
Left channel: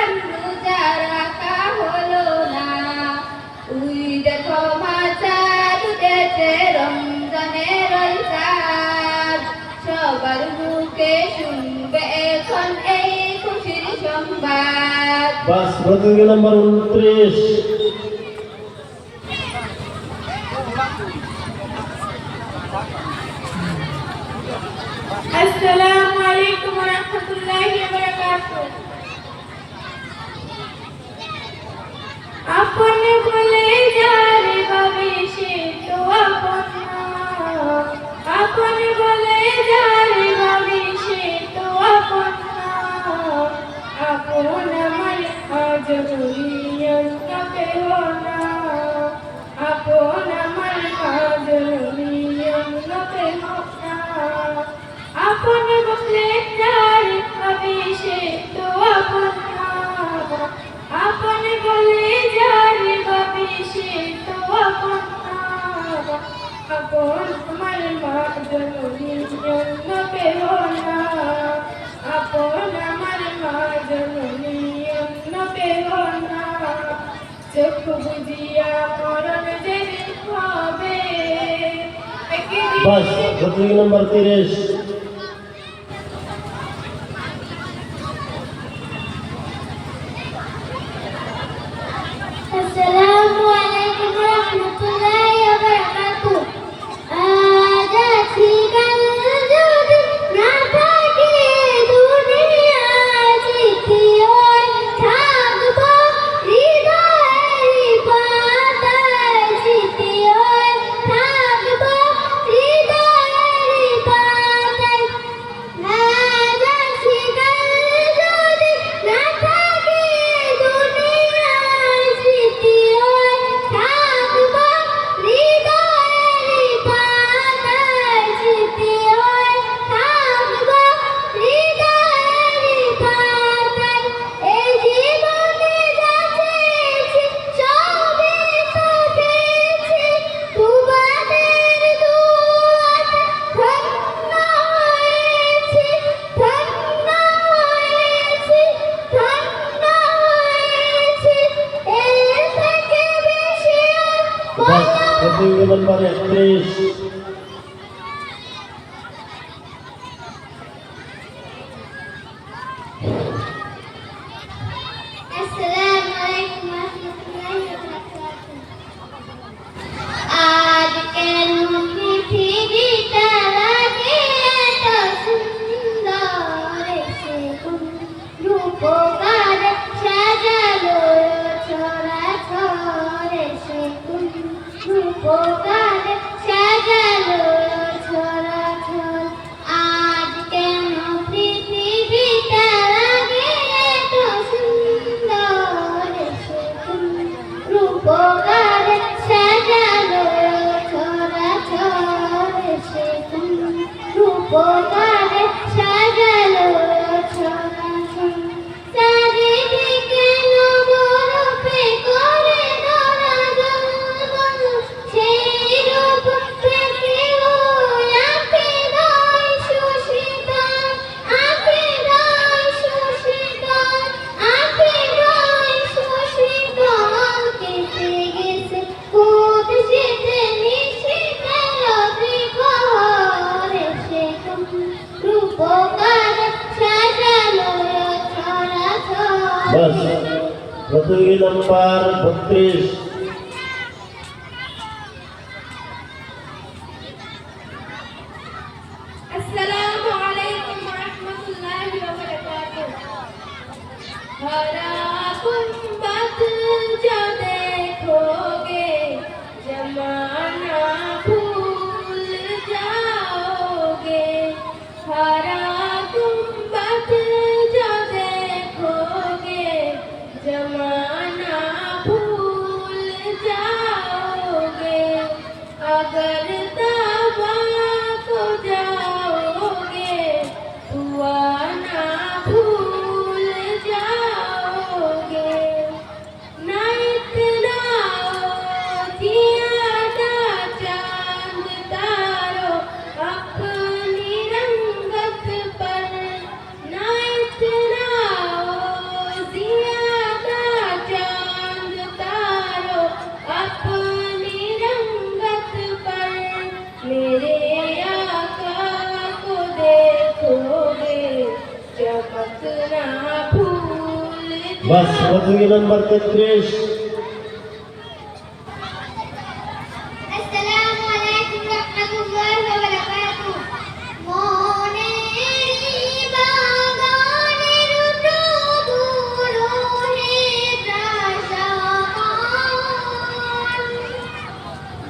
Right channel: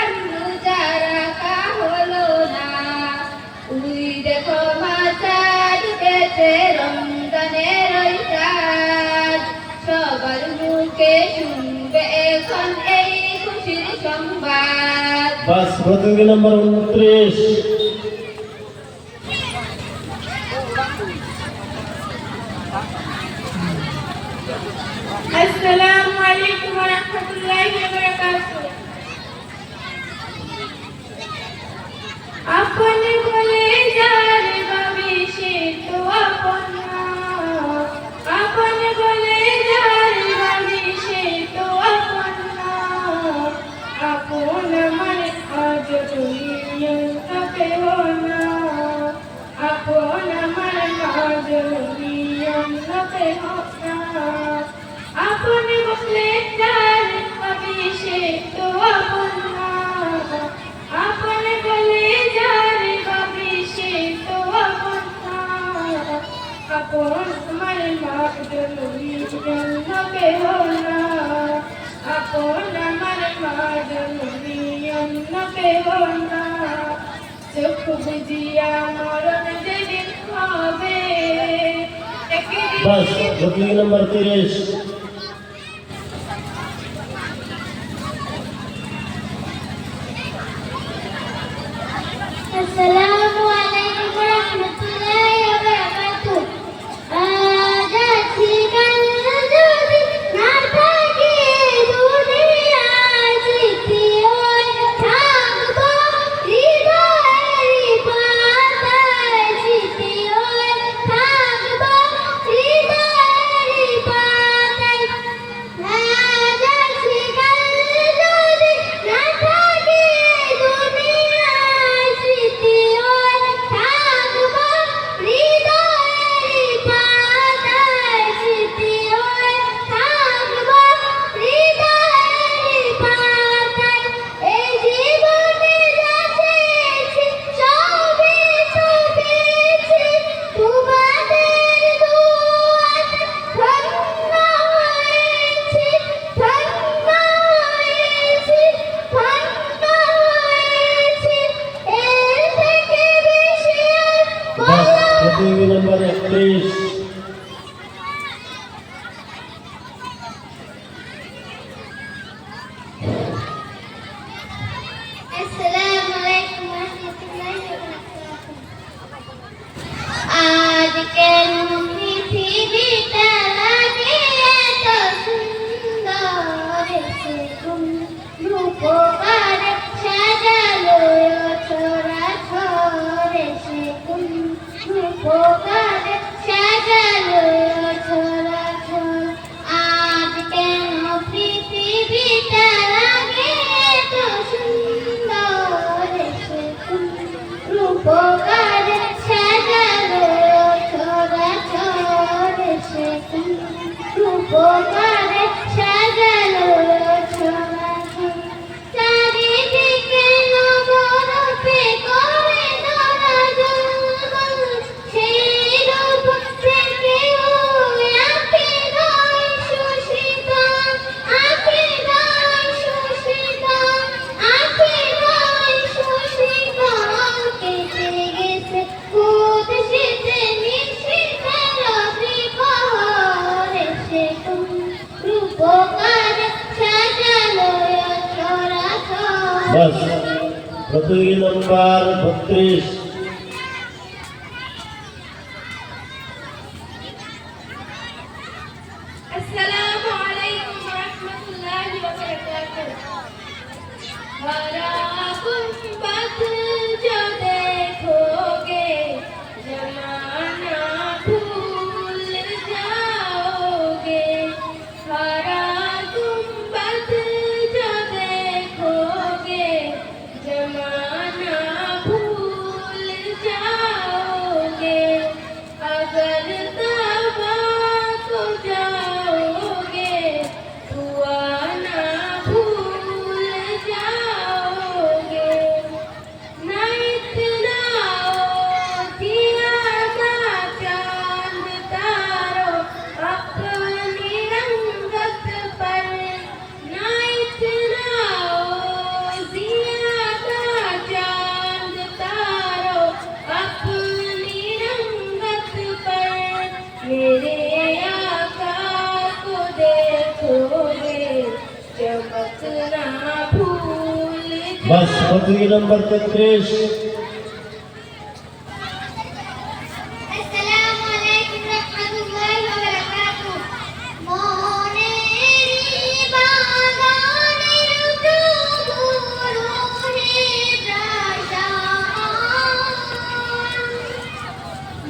বাস প্রতিযোগী নম্বর 29। আসসালামু আলাইকুম ওয়া রাহমাতুল্লাহি ওয়া বারাকাতুহু। আপন বলে যার ভাবে সে তো আপন না, আপন বলে যার ভাবে সে তো আপন না, আপন আমার আজ দুনিয়ার কেহ না, আপন আমার আজ দুনিয়ার কেহ না, আপন বলে যার ভাবে সে তো আপন না, আপন বলে যার ভাবে সে তো আপন না, আপন আমার মা জননী অন্য কেহ না, আপন আমার মা জননী অন্য কেহ না, চোখ বুঝিয়া মরণ যেদিন হবে বাস প্রতিযোগী নম্বর 30। আসসালামু আলাইকুম ওয়া রাহমাতুল্লাহি ওয়া বারাকাতুহু। আজ আছি কাল যদি না থাকে দুনিয়ায়, স্মৃতিওই থাকবো হৃদয়ের পাতায়, স্মৃতিওই থাকবো হৃদয়ের পাতায়। আজ আছি কাল যদি না থাকে দুনিয়ায়, স্মৃতিওই থাকবো হৃদয়ের পাতায়, স্মৃতিওই থাকবো হৃদয়ের পাতায়। এই জীবনে যা পেয়েছি সবই তো পেয়েছি তোমাদের দুয়াতে, ধন্য হয়েছি, ধন্য হয়েছি, ধন্য হয়েছি, এর থেকে বেশি আর বাস প্রতিযোগী নম্বর 31। আসসালামু আলাইকুম ওয়া রাহমাতুল্লাহি ওয়া বারাকাতুহু। আজ কেন পৃথিবীটা লাগে এত সুন্দর, সে কোন রূপকারে সাজালো ছড়াছড়ে, সে কোন রূপকারে সাজালো ছড়াছড়। আজ কেন পৃথিবীটা লাগে এত সুন্দর, সে কোন রূপকারে সাজালো ছড়াছড়, সে কোন রূপকারে সাজালো ছড়াছড়। চারিদিকে নবরূপে করে ধরা জলবন, সেই রূপ থেকে আঁকে গায় সুশীতল, আঁকে গায় সুশীতল, আঁকে গায় সুশীতল। কেটে গেছে ভূত শীতে নিশীথের প্রহরে, সে কোন রূপকারে সাজালো ছড়াছড়। বাস প্রতিযোগী নম্বর 32। अस्सलामु अलैकुम व रहमतुल्लाहि व बरकातुहू। हरा गुंबद जो देखोगे जमाना भूल जाओगे, हरा गुंबद जो देखोगे जमाना भूल जाओगे, अगर तबा को जाओगे दुआ ना भूल जाओगे। बस प्रतियोगी नंबर 33 আসসালামু আলাইকুম রাহমাতুল্লাহি ওয়া বারাকাতুহু মনের বাগানের প্রভু রহে প্রাসাদ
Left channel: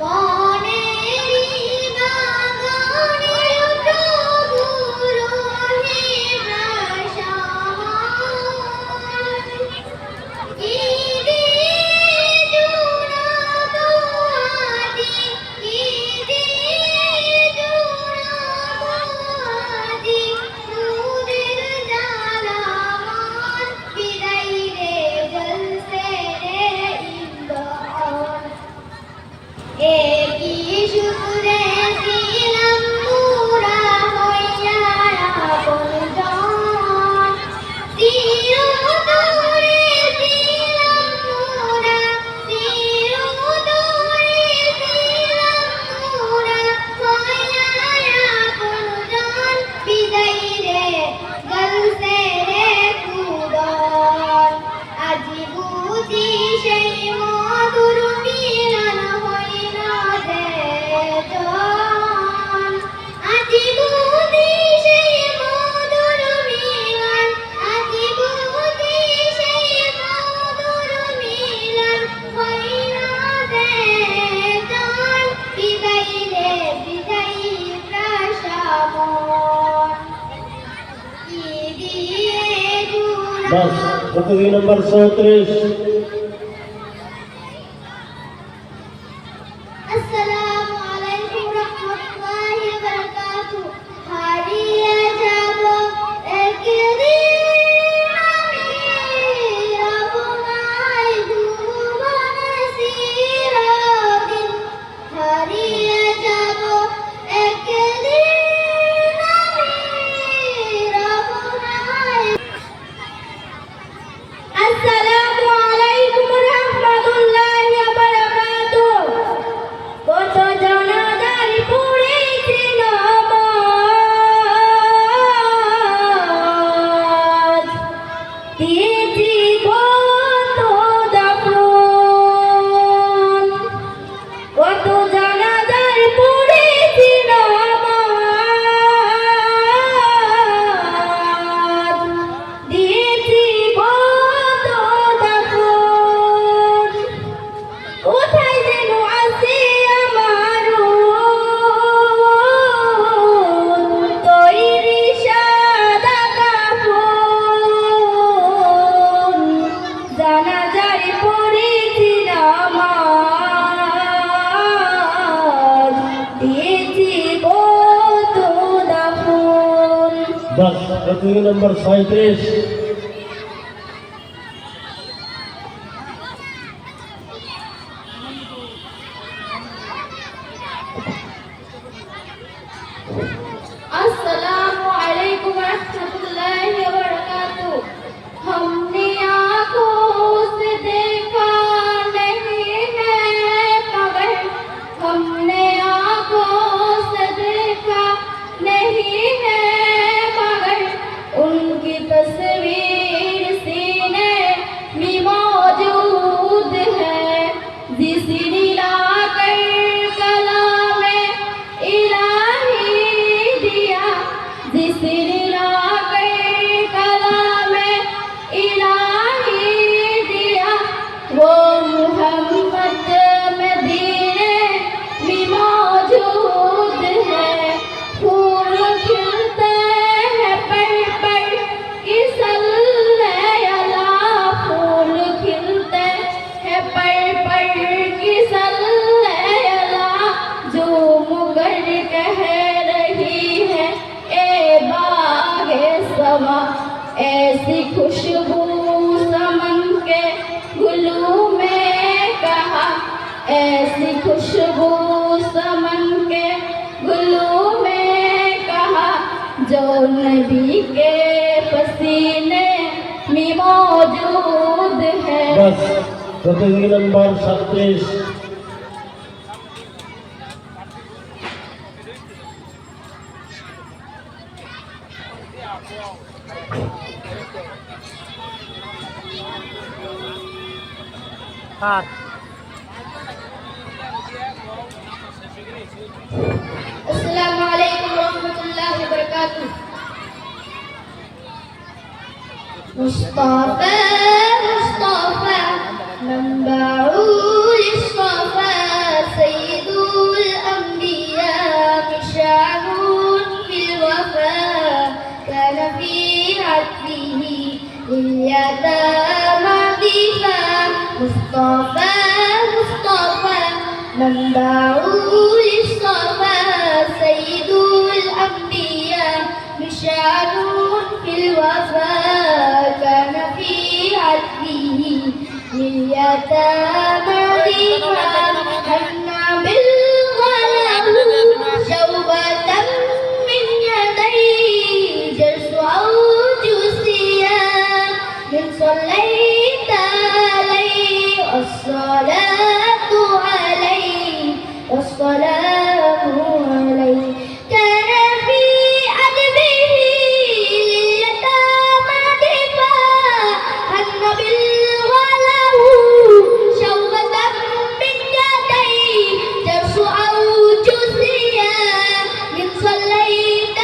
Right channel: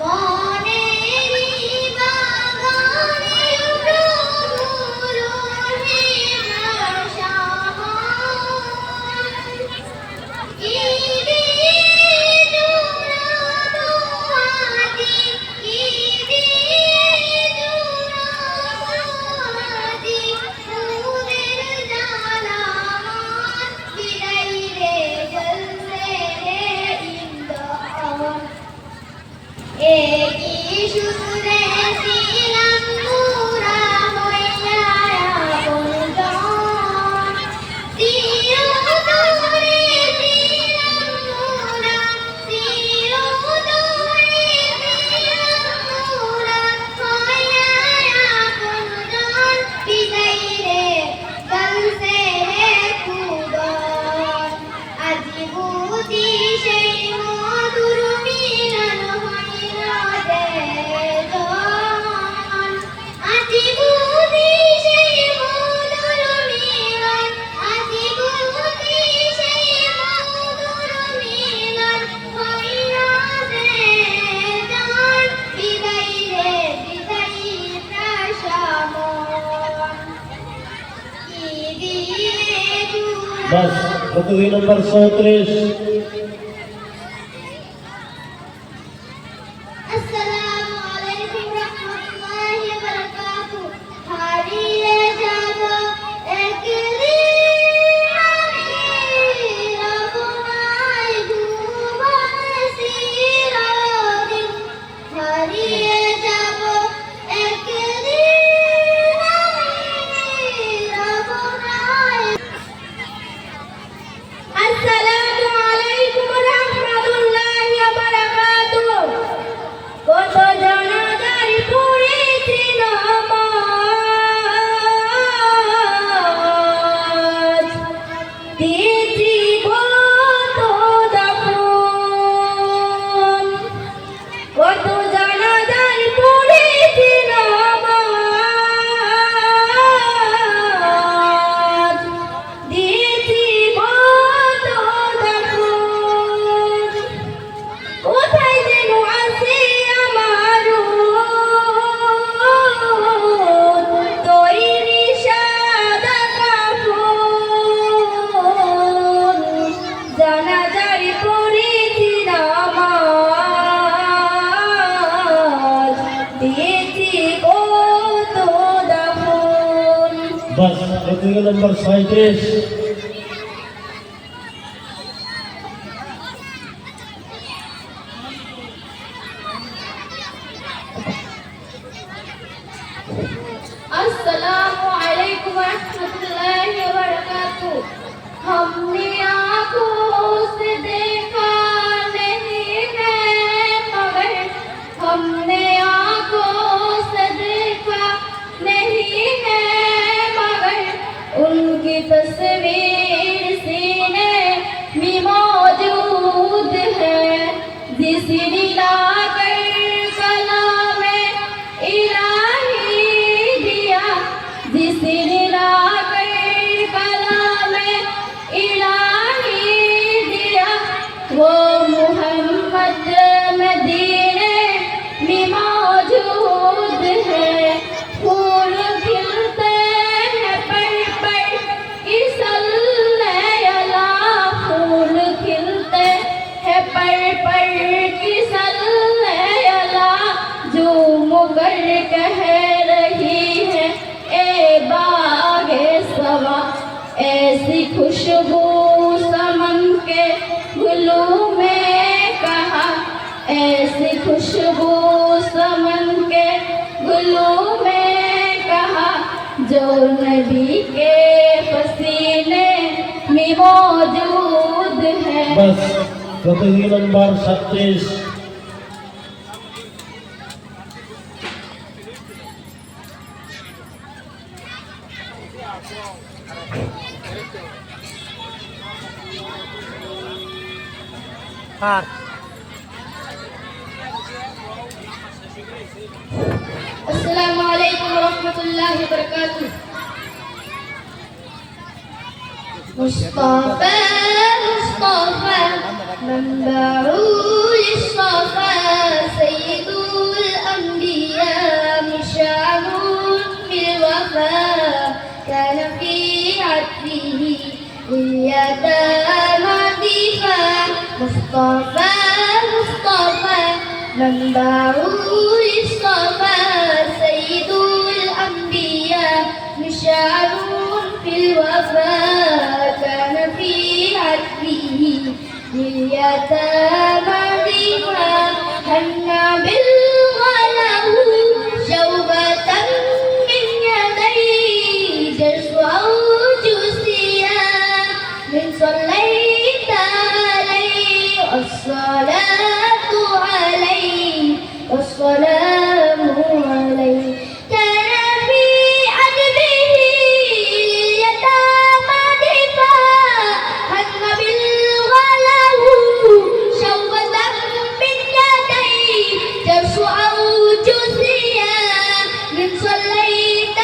মনের বাগানের প্রভু রহে প্রাসাদ बस प्रतियोगी नंबर 34 আসসালামু আলাইকুম রাহমাতুল্লাহি ওয়া বারাকাতুহু হারিয়ে যাব একদিন আমি রবনাই ভুবন চিরদিন হারিয়ে যাব একদিন আমি রবনাই আসসালামু আলাইকুম রাহমাতুল্লাহি ওয়া বারাকাতুহু কত জানাজার পড়েছি নামাজ দিয়েছি কত দাফন কত জানাজার পড়েছি নামাজ দিয়েছি কত দাফন কোথায় যেন আছে আমার তৈরি সাদা কাফন জানাজার পড়েছি নামাজ দিয়েছি কত দাফন बस प्रतियोगी नंबर 37 अस्सलामु अलैकुम रहमतुल्लाहि व बरकातुहू हमने आँखों से देखा नहीं है मगर हमने आँखों से देखा नहीं है मगर उनकी तस्वीर सीने में मौजूद है जिसने लाकर कलामे इलाही दिया जिसने लाकर कलामे इलाही दिया वो मोहम्मद मदीने में मौजूद है फूल खिलते हैं पर इस अल्लाह फूल खिलते हैं पर किस अल्लाह जो मुगर कह रही है ए बागे सवा ऐसी खुशबू समन के गुलों में कहा ऐसी खुशबू समन के गुलों में कहा जो नबी के पसीने में मौजूद है बस प्रतियोगी नंबर 37 আসসালামু Assalamualaikum warahmatullahi wabarakatuh. Mustafa, Mustafa, manba'ul Mustafa, sayyidul anbiya, mishanun fil wafa, kana fi atfihi iyyatama difa. Mustafa, Mustafa, manba'ul Mustafa, sayyidul anbiya, mishanun fil wafa, kana fi atfihi لليتامى ضيفا حنا بالغله شوبة من يديه جرس أو جوسيا من صليت عليه والصلاة عليه والسلام عليه كان في عدله لليتامى ضيفا حنا بالغله شوبة من يديه جرس أو جوسيا من صليت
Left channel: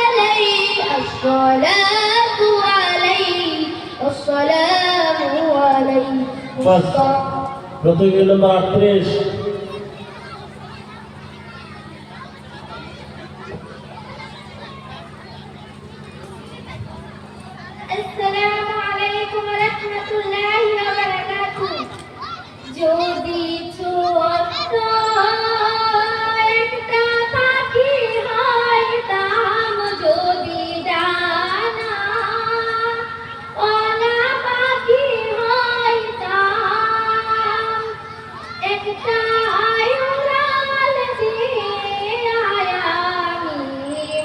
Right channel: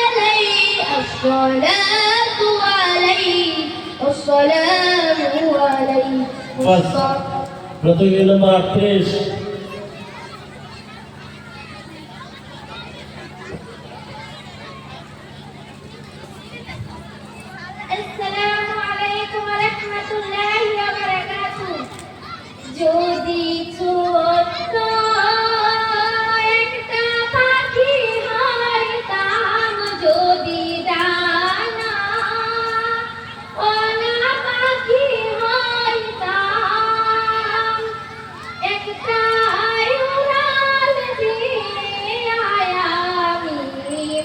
عليه الصلاة عليه والسلام عليه বাস প্রতিযোগী নম্বর 38 আসসালামু আলাইকুম ওয়া রাহমাতুল্লাহি ওয়া বারাকাতুহু। যদি ছোট্ট একটা পাখি হইতাম, যদি ডানা ওলা পাখি হইতাম, একটা উড়াল দিয়ে আমি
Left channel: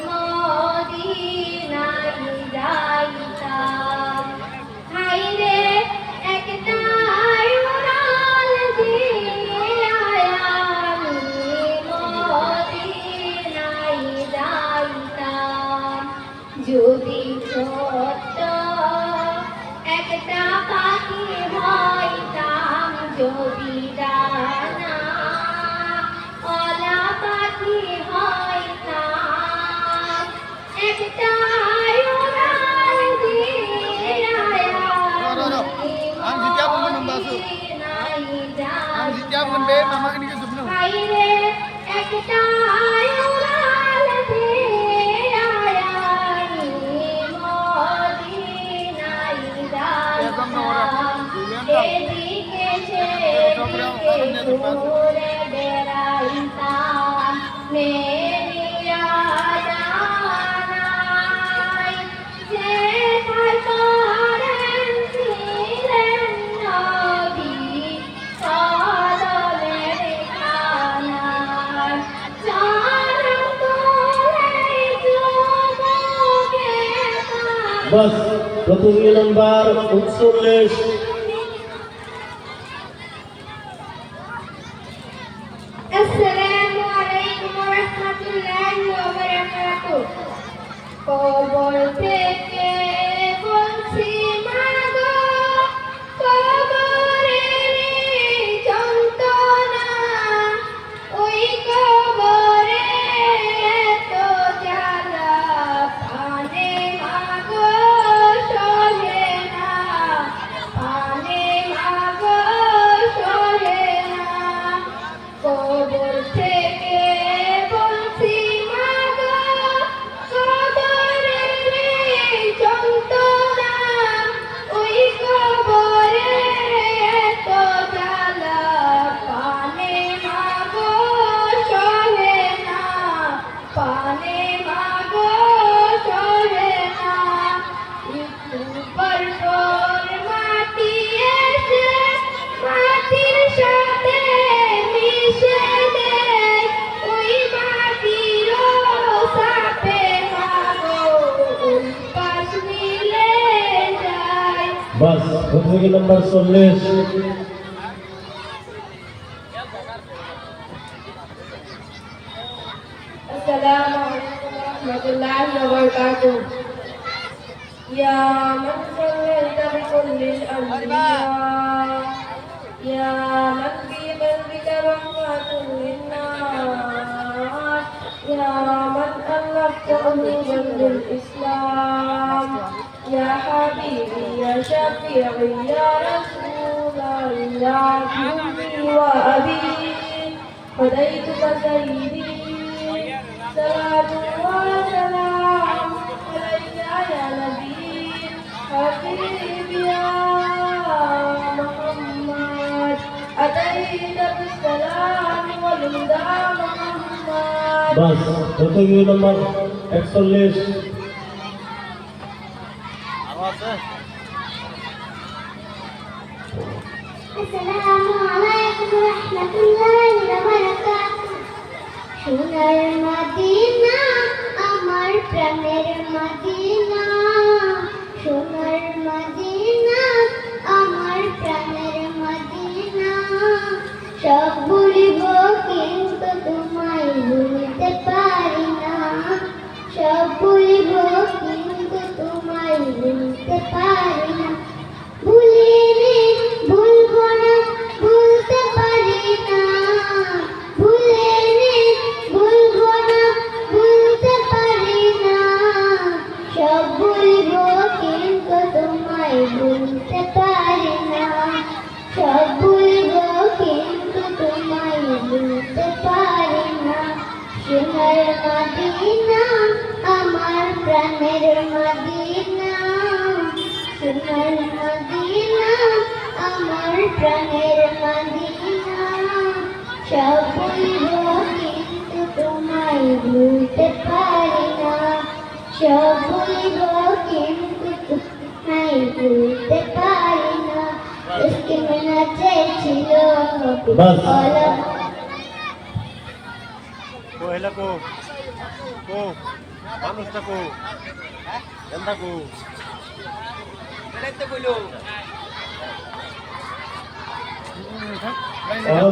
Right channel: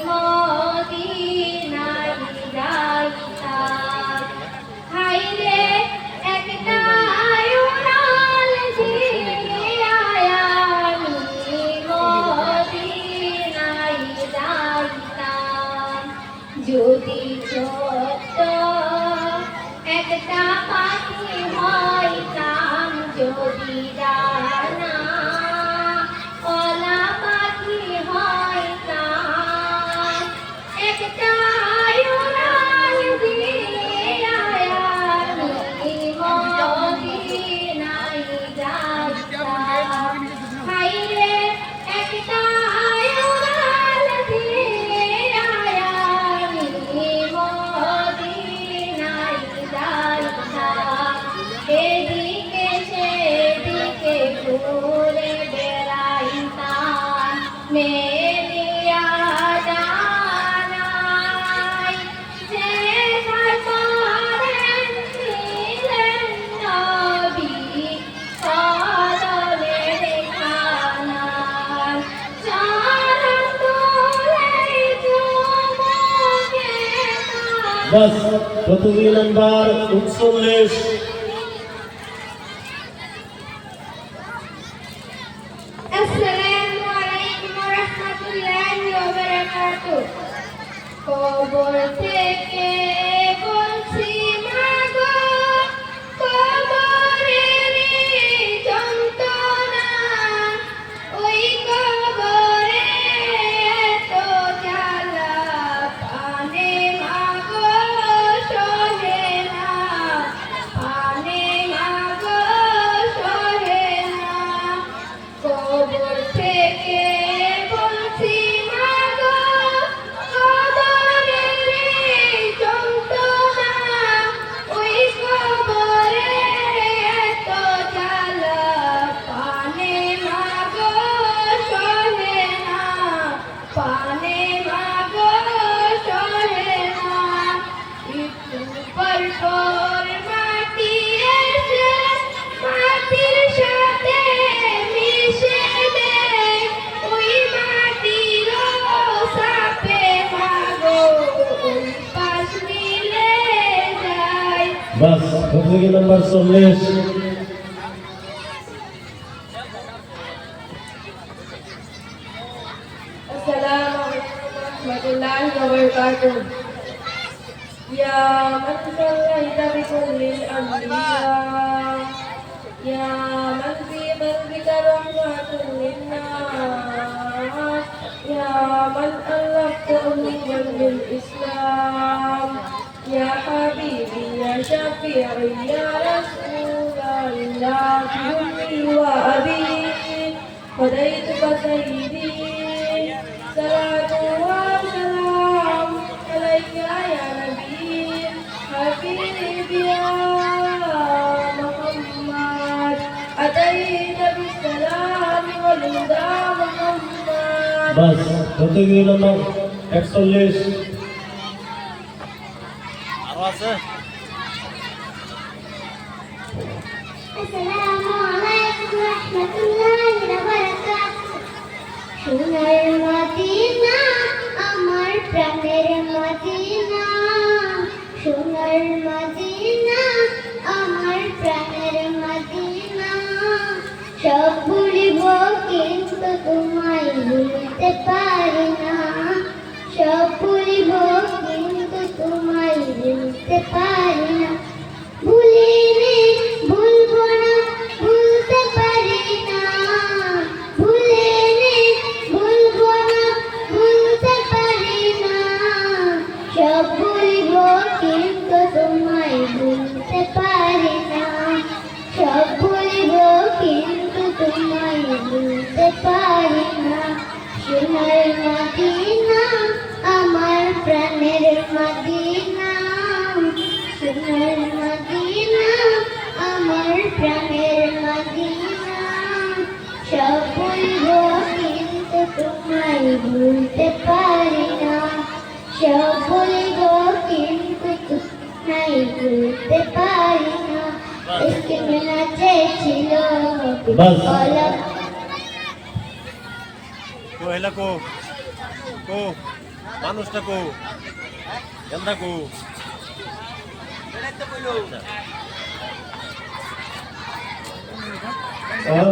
মদিনায় যাইতাম। হায়রে একটা উড়াল দিয়ে আমি মদিনায় যাইতাম। যদি ছোট্ট একটা পাখি হইতাম, যদি ডানা ওলা পাখি হইতাম, একটা উড়াল দিয়ে আমি মদিনায় যাইতাম। হায়রে একটা উড়াল দিয়ে আমি মদিনায় যাইতাম। এদিকে সেদিকে ঘুরে বেড়াইতাম, মেরিয়া জানাই যে করেন ছিলেন নবী কদমের খানায়। চরণ তোলে চুমুকে তার বাস প্রতিযোগী নম্বর 39 আসসালামু আলাইকুম ওয়া রাহমাতুল্লাহি ওয়া বারাকাতুহু। কবর থেকে বলছি মাগো, কবরের যন্ত্রণা, ওই কবরে এত জ্বালা, পানে মাগো সহে না, পানে মাগো সহে না। কবর থেকে বলছি মাগো, কবরের যন্ত্রণা, ওই কবরে এত জ্বালা, পানে মাগো সহে না, পানে মাগো সহে না। একটু পর পর মাটি এসে মাটির সাথে মিশে দেয়, ওই মাটির সাথে মাগো ওই পাশ মিলে যায়। বাস প্রতিযোগী নম্বর 40 আসসালামু আলাইকুম ওয়া রাহমাতুল্লাহি ওয়া বারাকাতুহু। ইয়া মান সাল্লাইতা বিকুল্লিল আনবিয়া يا من في قلبك رحمة للناس يا من ألفت قلوبا بالإسلام يا حبيبي يا شفيعي يا رسول الله أمي وأبي فديتك سيدي صلاة وسلام عليك يا نبي حبيبي يا محمد أتيت بالسلام والهدى محمد বাস প্রতিযোগী নম্বর 41 আসসালামু আলাইকুম রাহমাতুল্লাহি ওয়া বারাকাতুহু সোনার মদিনা আমার প্রাণের মদিনা সোনার মদিনা আমার প্রাণের মদিনা সব ভুলিব কিন্তু তোমায় ভুলতে পারি না সব ভুলিব কিন্তু তোমায় ভুলতে পারি না ভুলিনি ভুলবো না ভুলতে পারি না ভুলিনি ভুলবো না ভুলতে পারি না সব ভুলিব কিন্তু তোমায় ভুলতে পারি না সব ভুলিব কিন্তু তোমায় ভুলতে পারি না সোনার মদিনা আমার প্রাণের মদিনা সোনার মদিনা আমার প্রাণের মদিনা সব ভুলব কিন্তু তোমায় ভুলতে পারি না সব ভুলব কিন্তু তোমায় ভুলতে পারি না इसके मिलना ছিল বাস Ko hela ko. Ko. Manus na ko. Ganda ko. আহ